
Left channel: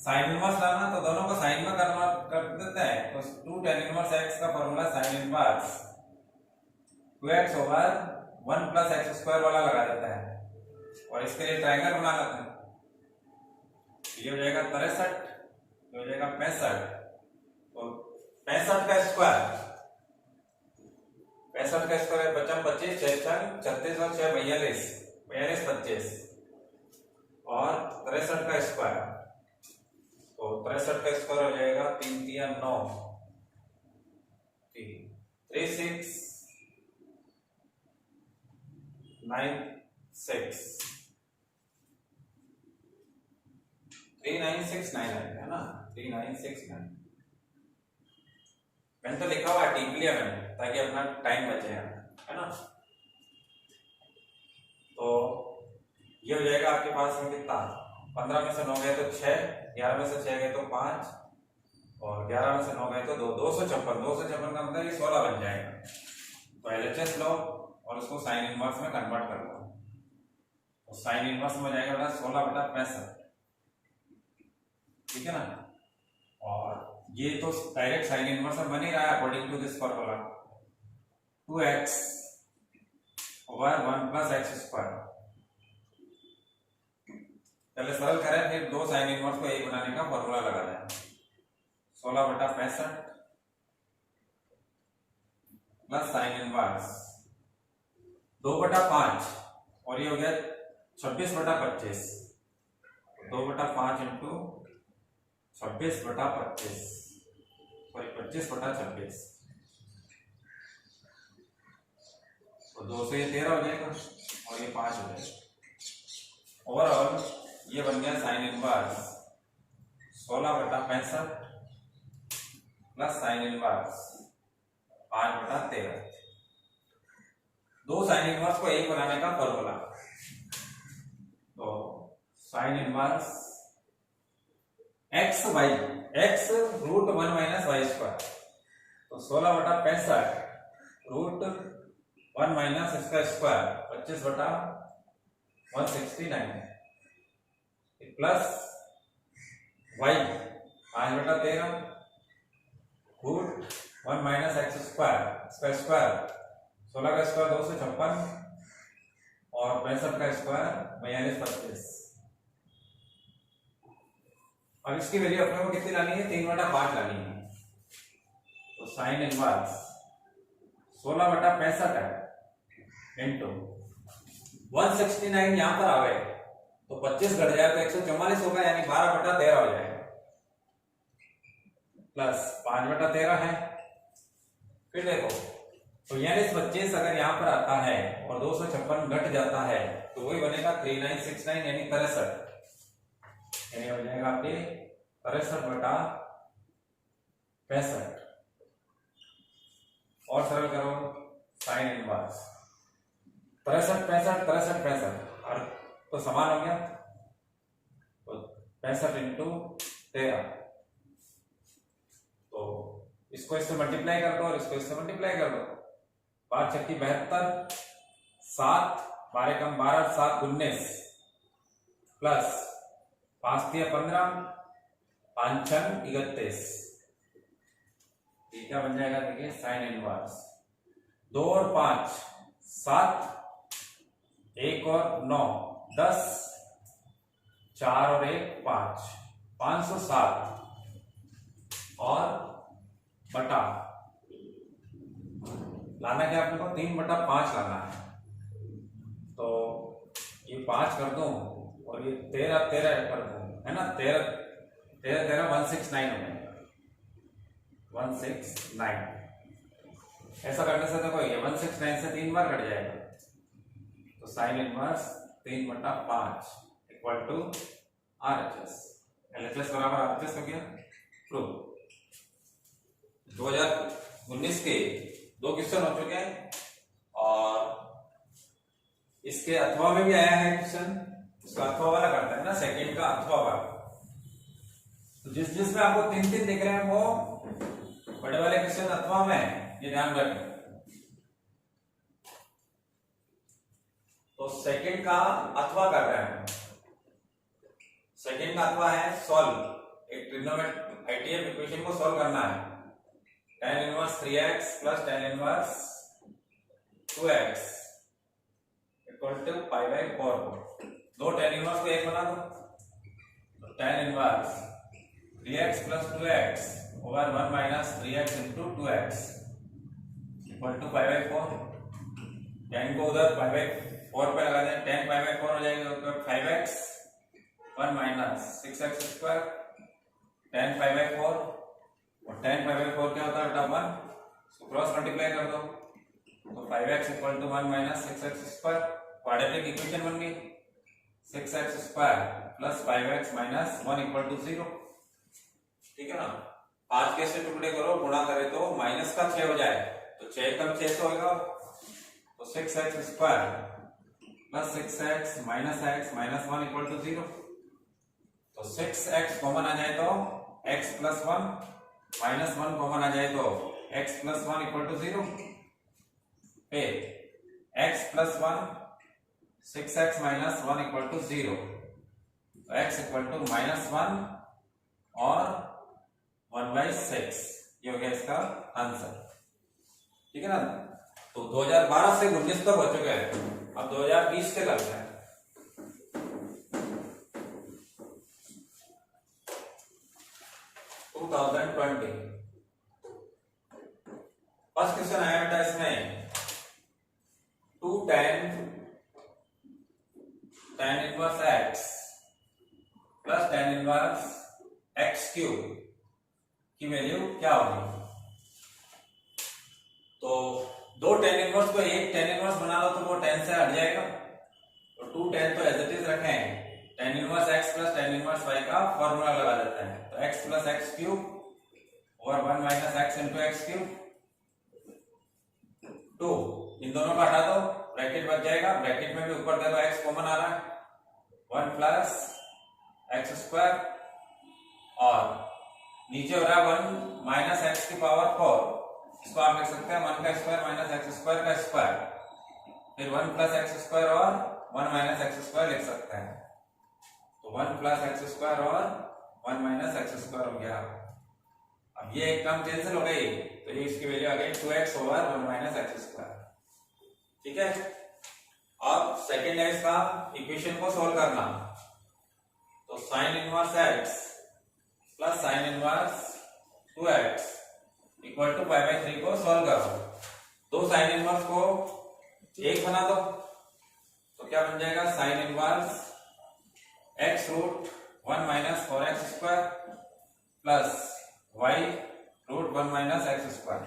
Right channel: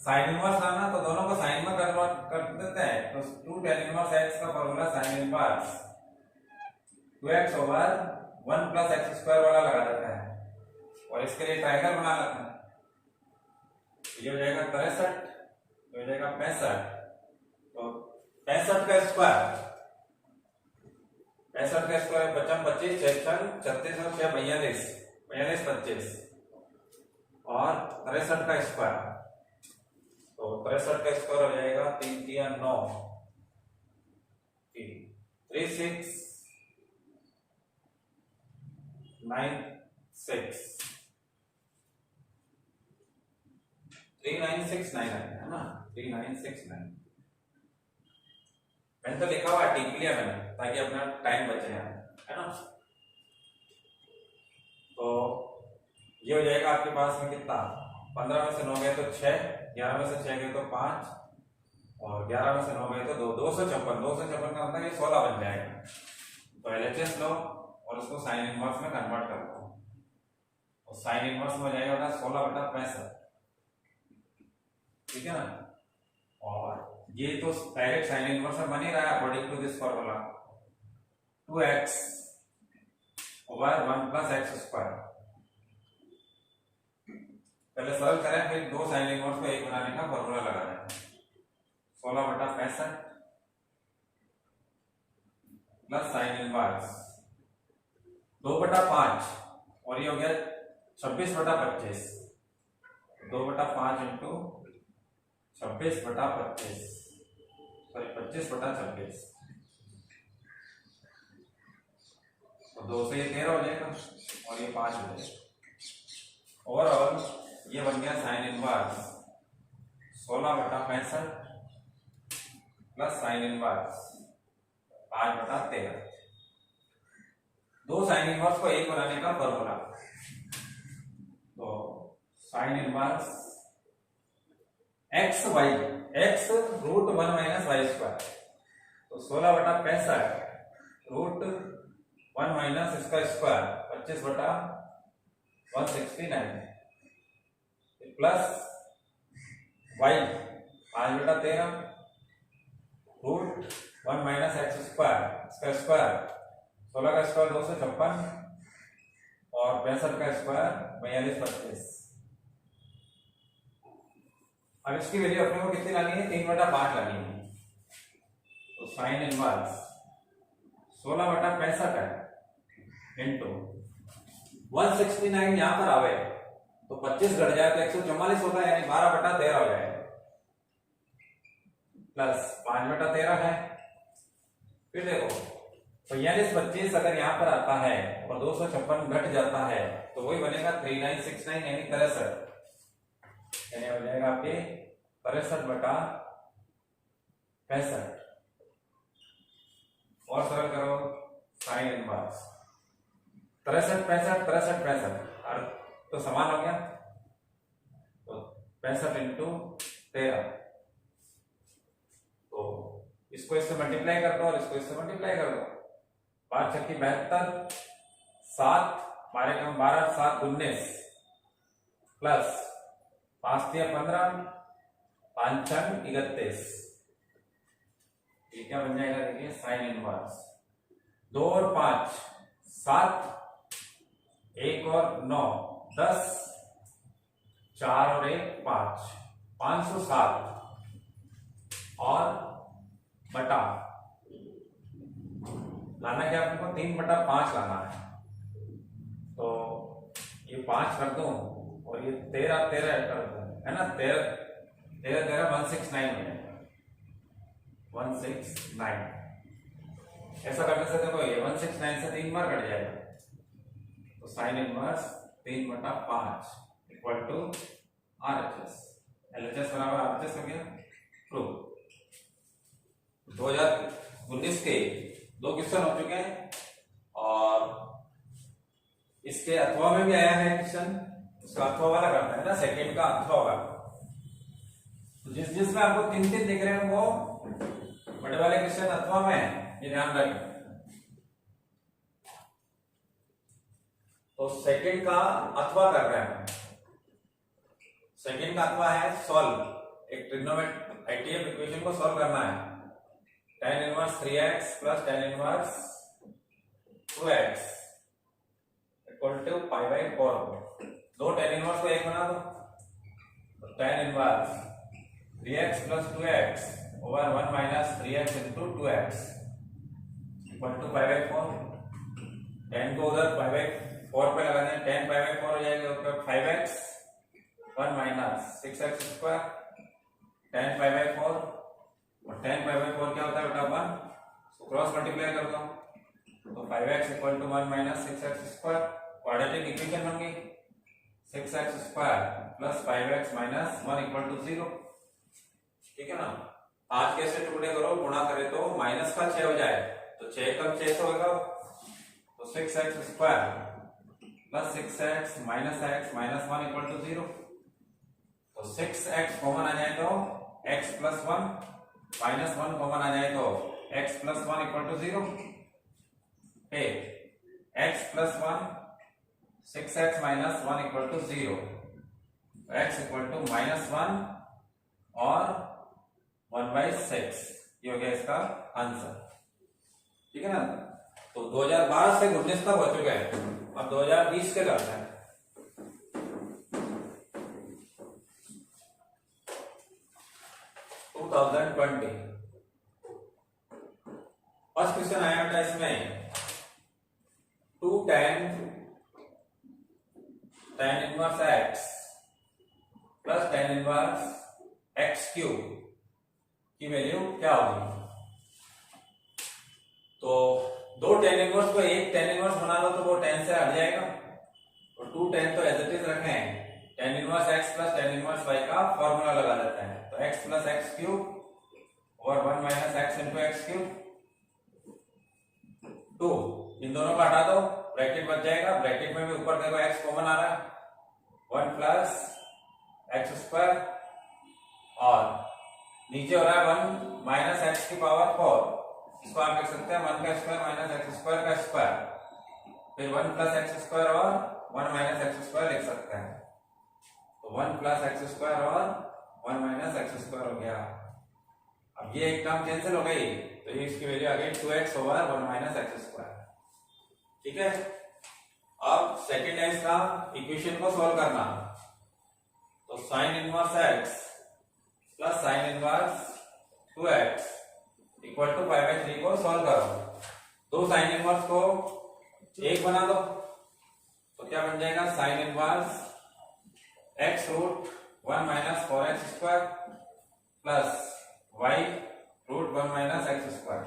साइन इनवर्स लाना, तो दोनों को साइन में कन्वर्ट कर देते हैं, तो 2 tan इनवर्स x का formula sine inverse 2x over 1 plus x square वाला लगा देता है, और इसके लिए ट्रायंगल बना लेते हैं, ये हो जाएगा 63, ये हो जाएगा 65, तो 65 का स्क्वायर 55 25 6 36 और 6 42 25, और 63 का स्क्वायर, तो 63 का स्क्वायर हो जाएगा 3 3 9 3 6 9 6 3969 है ना, 3969। मैंने तो लिखा हुआ टिक लिया मैंने, ताकि अपना टाइम बचे है ना। तो ये हो जाएगा आपके पास में कितना, 15 में से 9 गए तो 6, 11 में से 6 गए तो 5, और 11 में से 9 गए तो 2, 256 का मतलब ये 16 बन जाएगा। तो LHS लो और उसको साइन इनवर्स में कन्वर्ट कर लो, और साइन इनवर्स में जाएगा 16/65, ठीक है ना। और ये तो डायरेक्ट साइन इनवर्स में बन ही रहा है according to this formula, 2x over 1 plus x square. पहले सरल करें, फिर 2 साइन इनवर्स को 1 बनाने का फॉर्मूला लगा दें, 16/65 प्लस साइन इनवर्स 2/5 और ये हो गया 26/25। 2/5 इंटू 26/25 सॉरी 25/26 तो 2 से 13 हो जाएगा और ये 5 हो जाएगा। ओवरऑल ये बन गया sine inverse 16/65 plus sine inverse 5/13। दो साइन इनवर्स को एक बनाने का फॉर्मूला। तो sine inverse x y x √1 minus y square तो 16/65 √1 माइनस इसका square 25/169 plus y 5/13 √1 minus x square इसका स्क्वायर 16 का स्क्वायर 256 और 65 का स्क्वायर 42/25। अब इसकी वैल्यू अपने को कितनी लानी है 3/5 लानी है। तो साइन इनवर्स 16/65 है इंटू 169 यहां पर आवे तो 25 घट जाए तो 144 होगा यानी 12/13 हो जाएगा प्लस 5/13 है। फिर देखो तो यानी 25 अगर यहां पर आता है और 256 घट जाता है तो वही बनेगा 3969 यानी 63 यानी हो जाएगा आपके 63/65 और सरल करो साइन इनवर्स 63 तो समान हो गया तो 65 इंटू 13 तो इसको इससे मल्टीप्लाई कर दो और इसको इससे मल्टीप्लाई कर दो 5 छक्की 72 7 12 कम 12 7 19 प्लस 5 3 15 5 6 31 क्या बन जाएगा देखिए साइन इनवर्स 2 और 5 7 1 और 9 10 4 और 1 5 507 और बटा लाना क्या अपने को 3/5 लाना है तो ये 5 कर दूं और ये 13 कर दूं है ना 13 169 हो जाएगा 169 ऐसा करने से देखो ये 169 से 3 बार कट जाएगा तो sine inverse 3/5 equal to RHS LHS बराबर RHS हो गया प्रूव। 2019 के 2 क्वेश्चन हो चुके हैं और इसके अथवा में भी आया है क्वेश्चन उसका अथवा वाला करते हैं ना सेकंड का अथवा वाला तो जिसमें आपको 3 दिख रहे हैं वो बड़े वाले क्वेश्चन अथवा में है ये ध्यान रखें। तो सेकंड का अथवा कर रहे हैं सेकंड का अथवा है सॉल्व एक ट्रिग्नोमेट्रिक आईटीएफ इक्वेशन को सॉल्व करना है tan inverse 3x plus tan inverse 2x equal to π/4 दो tan इनवर्स को एक बना दो तो tan inverse 3x plus 2x over 1 minus 3x into 2x equal to π/4 tan को उधर π/4 पे लगा दें tan π/4 हो जाएगा 5x 1 minus 6x square tan π/4 और tan π/4 क्या होता है बेटा 1 तो क्रॉस मल्टीप्लाई कर दो तो 5x equal to 1 minus 6x square quadratic equation बन गई 6x square plus 5x minus 1 equal to 0 ठीक है ना। आज कैसे टुकड़े करो गुणा करे तो माइनस का 6 हो जाए तो 6 कम 6 तो होगा तो 6x square plus 6x minus x minus 1 equal to 0 तो 6x कॉमन आ जाए तो x प्लस 1 माइनस 1 कॉमन आ जाए तो x प्लस 1 इक्वल टू 0 फिर x plus 1 6x minus 1 equal to 0 x equal to minus 1 और 1/6 ये हो गया इसका आंसर ठीक है ना। तो 2012 से 19 तक हो चुके हैं अब 2020 के करते हैं। फर्स्ट क्वेश्चन आया बेटा इसमें हैं 2 tan inverse x plus tan inverse x cube की वैल्यू क्या होगी। तो दो tan इनवर्स को एक tan इनवर्स बना लो तो वो tan से हट जाएगा, और 2 tan तो एज इट इज रखें, tan inverse x plus tan inverse y का फॉर्मूला लगा देते हैं। तो x प्लस x क्यूब और 1 minus x into x cube 2, इन दोनों को हटा दो, ब्रैकेट बच जाएगा। ब्रैकेट में भी ऊपर देखो x कॉमन आ रहा है, 1 प्लस एक्स स्क्वायर, और नीचे हो रहा है 1 माइनस एक्स की पावर 4। इसको आप लिख सकते हैं 1 का स्क्वायर माइनस एक्स स्क्वायर का स्क्वायर, फिर 1 प्लस एक्स स्क्वायर और 1 माइनस एक्स स्क्वायर लिख सकते हैं। तो 1 प्लस एक्स स्क्वायर और 1 माइनस एक्स स्क्वायर हो गया। अब ये एक टर्म कैंसिल हो गई, तो ये इसकी वैल्यू आ गई 2x over 1 minus x square. ठीक है, अब सेकेंड लाइन का इक्वेशन को सॉल्व करना। तो sine inverse x plus sine inverse 2x equal to pi by 3 को सॉल्व करो। दो साइन इनवर्स को एक बना दो, तो क्या बन जाएगा, sine inverse x root 1 minus 4x square plus y root 1 minus x square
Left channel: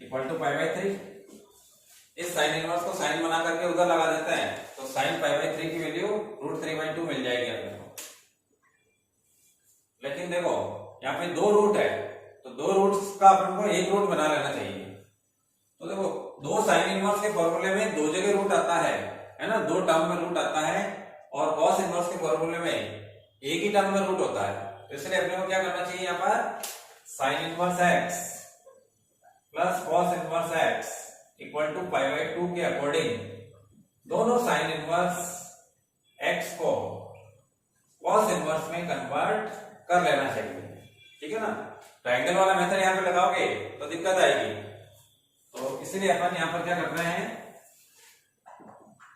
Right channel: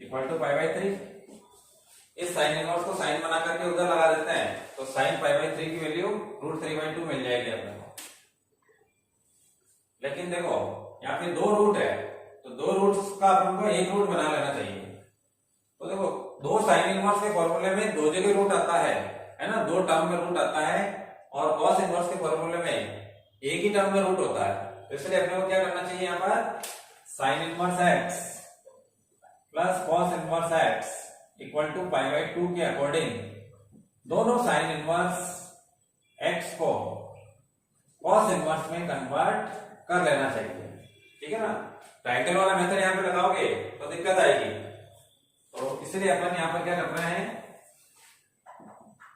equal to pi by 3। इस साइन इनवर्स को साइन बना करके उधर लगा देते हैं, तो साइन पाई बाई 3 की वैल्यू रूट 3/2 मिल जाएगी अपने को। लेकिन देखो यहाँ पे दो रूट है, तो दो रूट्स का अपन को एक रूट बना लेना चाहिए। तो देखो दो साइन इनवर्स के फॉर्मूले में दो जगह रूट आता है ना, दो टर्म में रूट आता है, और कॉस इनवर्स के फॉर्मूले में एक ही टर्म में रूट होता है। तो इसलिए अपने को क्या करना चाहिए, यहाँ पर sine inverse x plus cos inverse x equal to pi by 2 के अकॉर्डिंग दोनों साइन इनवर्स x को कॉस इनवर्स में कन्वर्ट कर लेना चाहिए। ठीक है ना, ट्रायंगल वाला मेथड यहाँ पे लगाओगे तो दिक्कत आएगी। तो इसलिए अपन यहाँ पर क्या करना है,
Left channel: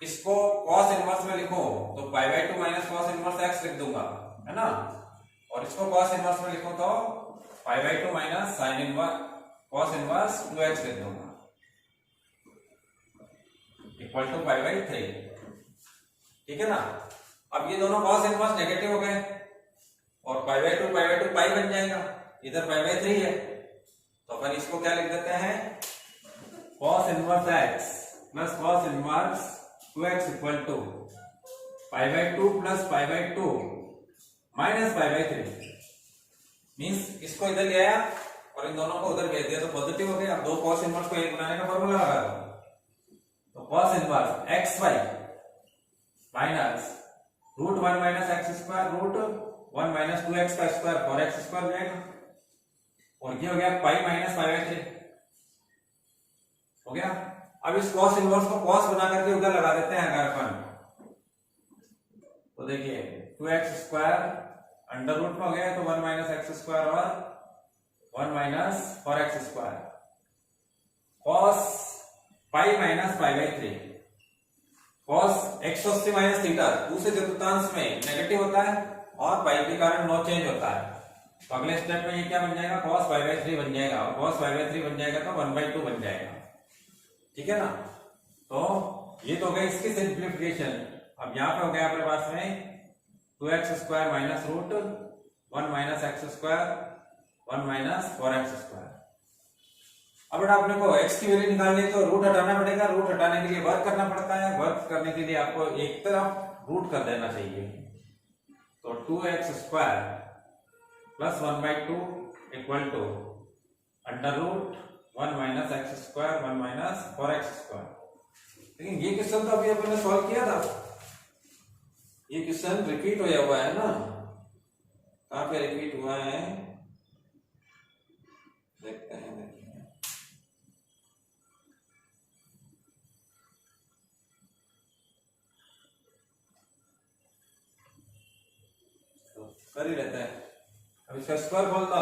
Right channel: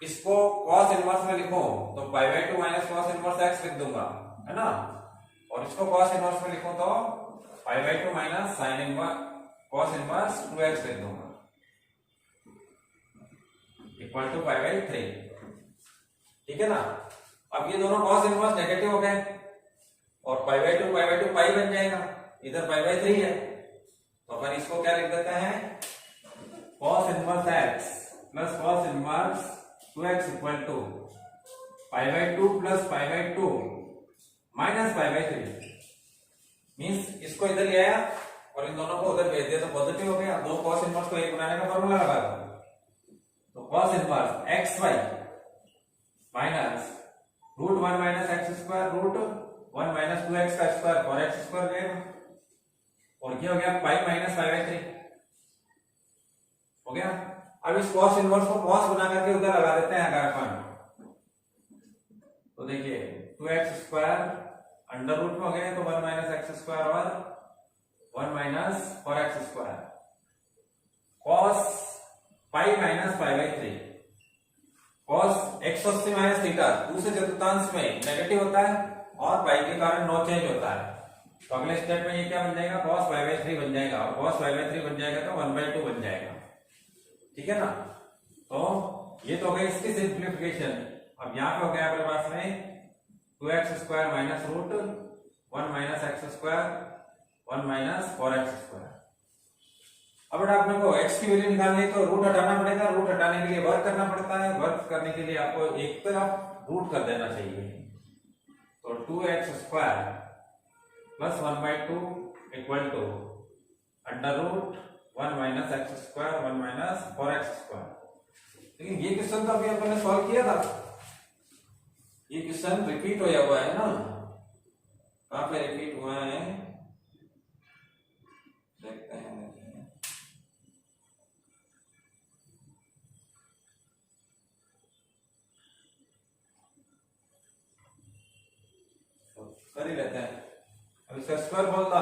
इसको कॉस इनवर्स में लिखो तो पाई by 2 minus cos inverse x लिख दूंगा, है ना, और इसको कॉस इनवर्स में लिखो तो पाई by 2 minus sine inverse cos inverse 2x लिख दूंगा इक्वल टू पाई बाई 3। ठीक है ना, अब ये दोनों कॉस इनवर्स नेगेटिव हो गए, और पाई बाई 2 पाई बन जाएगा, इधर पाई बाई 3 है, तो अपन इसको क्या लिख देते हैं, cos inverse x plus cos inverse 2x equal to pi by 2 plus pi by 2 minus pi by 3। Means इसको इधर ले आया और इन दोनों को उधर भेज दिया तो पॉजिटिव हो गया। दो कॉस इनवर्स को एक बनाने का फॉर्मूला लगा दो, तो cos inverse x y minus root 1 minus x square root 1 minus 2x का स्क्वायर 4x स्क्वायर रहेगा, और ये हो गया पाई माइनस पाई बाई 3 हो गया। अब इस कॉस इनवर्स को कॉस बना करके उधर लगा देते हैं अगर अपन, तो देखिए 2x स्क्वायर अंडर रूट में हो गया, तो 1 माइनस एक्स स्क्वायर और 1 minus 4x square cos pi minus pi by 3 cos x80 minus theta दूसरे चतुर्थांश में नेगेटिव होता है और पाई के कारण नो चेंज होता है। तो अगले स्टेप में ये क्या बन जाएगा, cos पाई बाई 3 बन जाएगा, और cos पाई बाई 3 बन जाएगा तो 1/2 बन जाएगा। ठीक है ना, तो ये तो हो गई इसकी सिंप्लीफिकेशन। अब यहाँ पे हो गया अपने पास में 2x square minus root 1 minus x square 1 minus 4x square. अब बेटा अपने को x की वैल्यू निकालनी है तो रूट हटाना पड़ेगा, रूट हटाने के लिए वर्क करना पड़ता है, वर्क करने के लिए आपको एक तरफ रूट कर देना चाहिए। तो 2x square plus 1/2 equal to under root 1 minus x square 1 minus 4x square. लेकिन ये क्वेश्चन तो अभी अपन ने सॉल्व किया था, ये क्वेश्चन रिपीट होया हुआ है ना, कहां पे रिपीट हुआ है देखते हैं। तो कर ही लेते हैं। अब इसका स्क्वायर खोलता,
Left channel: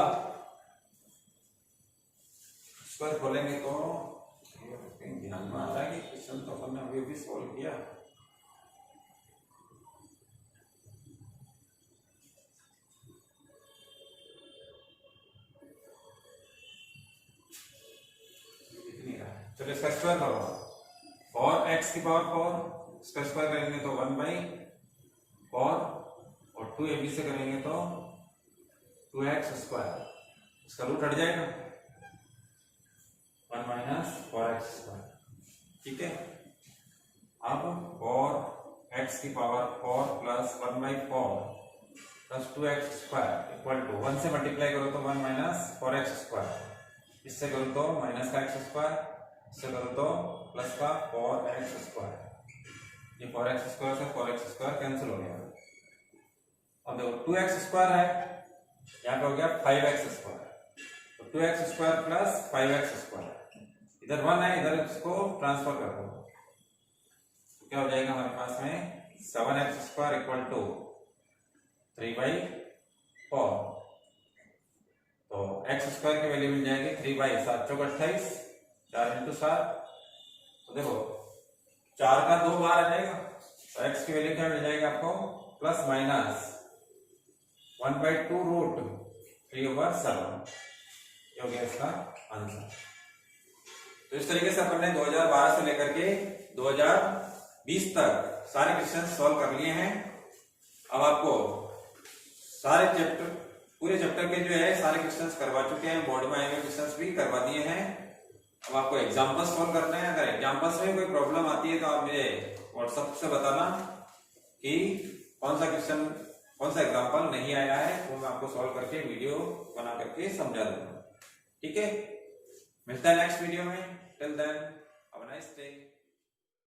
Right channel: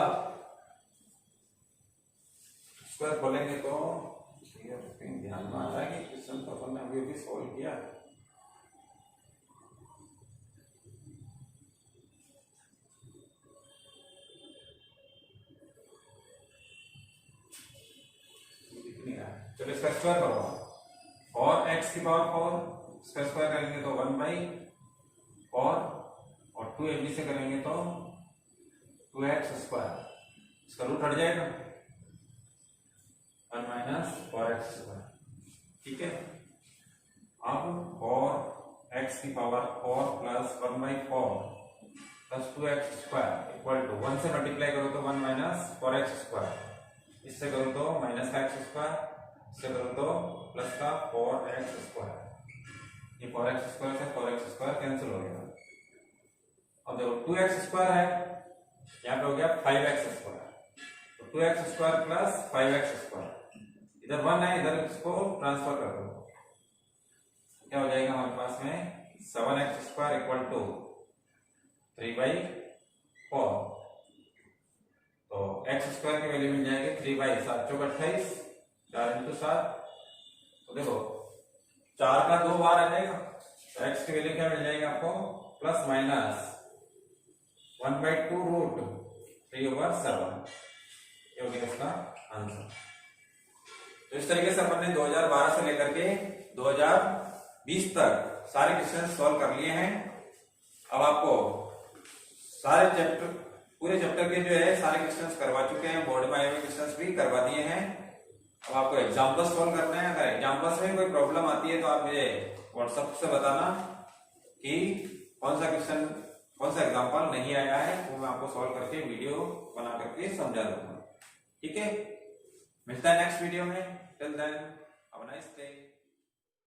स्क्वायर खोलेंगे तो ध्यान में आ रहा है कि क्वेश्चन तो अपन ने अभी अभी सॉल्व किया। चलो इसका स्क्वायर करो, फॉर एक्स की पावर 4 इसका स्क्वायर करेंगे तो 1/4 और 2ab से करेंगे तो 2x²। इसका रूट हट जाएगा 1 - 4x²। ठीक है, अब फॉर एक्स की power 4 plus 1/4 plus 2x² equal to 1 से मल्टीप्लाई करो तो 1 - 4x², इससे करो तो माइनस का x², इससे करो तो प्लस का 4x²। ये 4x² से 4x² कैंसिल हो गया। अब देखो 2x² है, यहाँ पे हो गया 5x², तो 2x² प्लस 5x², इधर 1 है, इधर इसको ट्रांसफर कर दो, तो क्या हो जाएगा हमारे पास में 7x² इक्वल टू 3/4। तो x² की वैल्यू मिल जाएगी 3/7 × 28, 4 × 7। तो देखो 4 का 2 बार आ जाएगा, तो x की वैल्यू क्या मिल जाएगी आपको प्लस माइनस 1/2√3/7। ये हो गया इसका आंसर। तो इस तरीके से अपन ने 2012 से लेकर के 2020 तक सारे क्वेश्चन सॉल्व कर लिए हैं। अब आपको सारे चैप्टर, पूरे चैप्टर के जो है सारे क्वेश्चंस करवा चुके हैं, बोर्ड में आए हुए क्वेश्चंस भी करवा दिए हैं। अब आपको एग्जाम्पल सॉल्व करने हैं। अगर एग्जाम्पल्स में कोई प्रॉब्लम आती है तो आप मुझे व्हाट्सएप से बताना कि कौन सा क्वेश्चन, कौन सा एग्जाम्पल नहीं आया है, वो मैं आपको सॉल्व करके वीडियो बना करके समझा दूंगा। ठीक है, मिलता है नेक्स्ट वीडियो में। Till then have a nice day.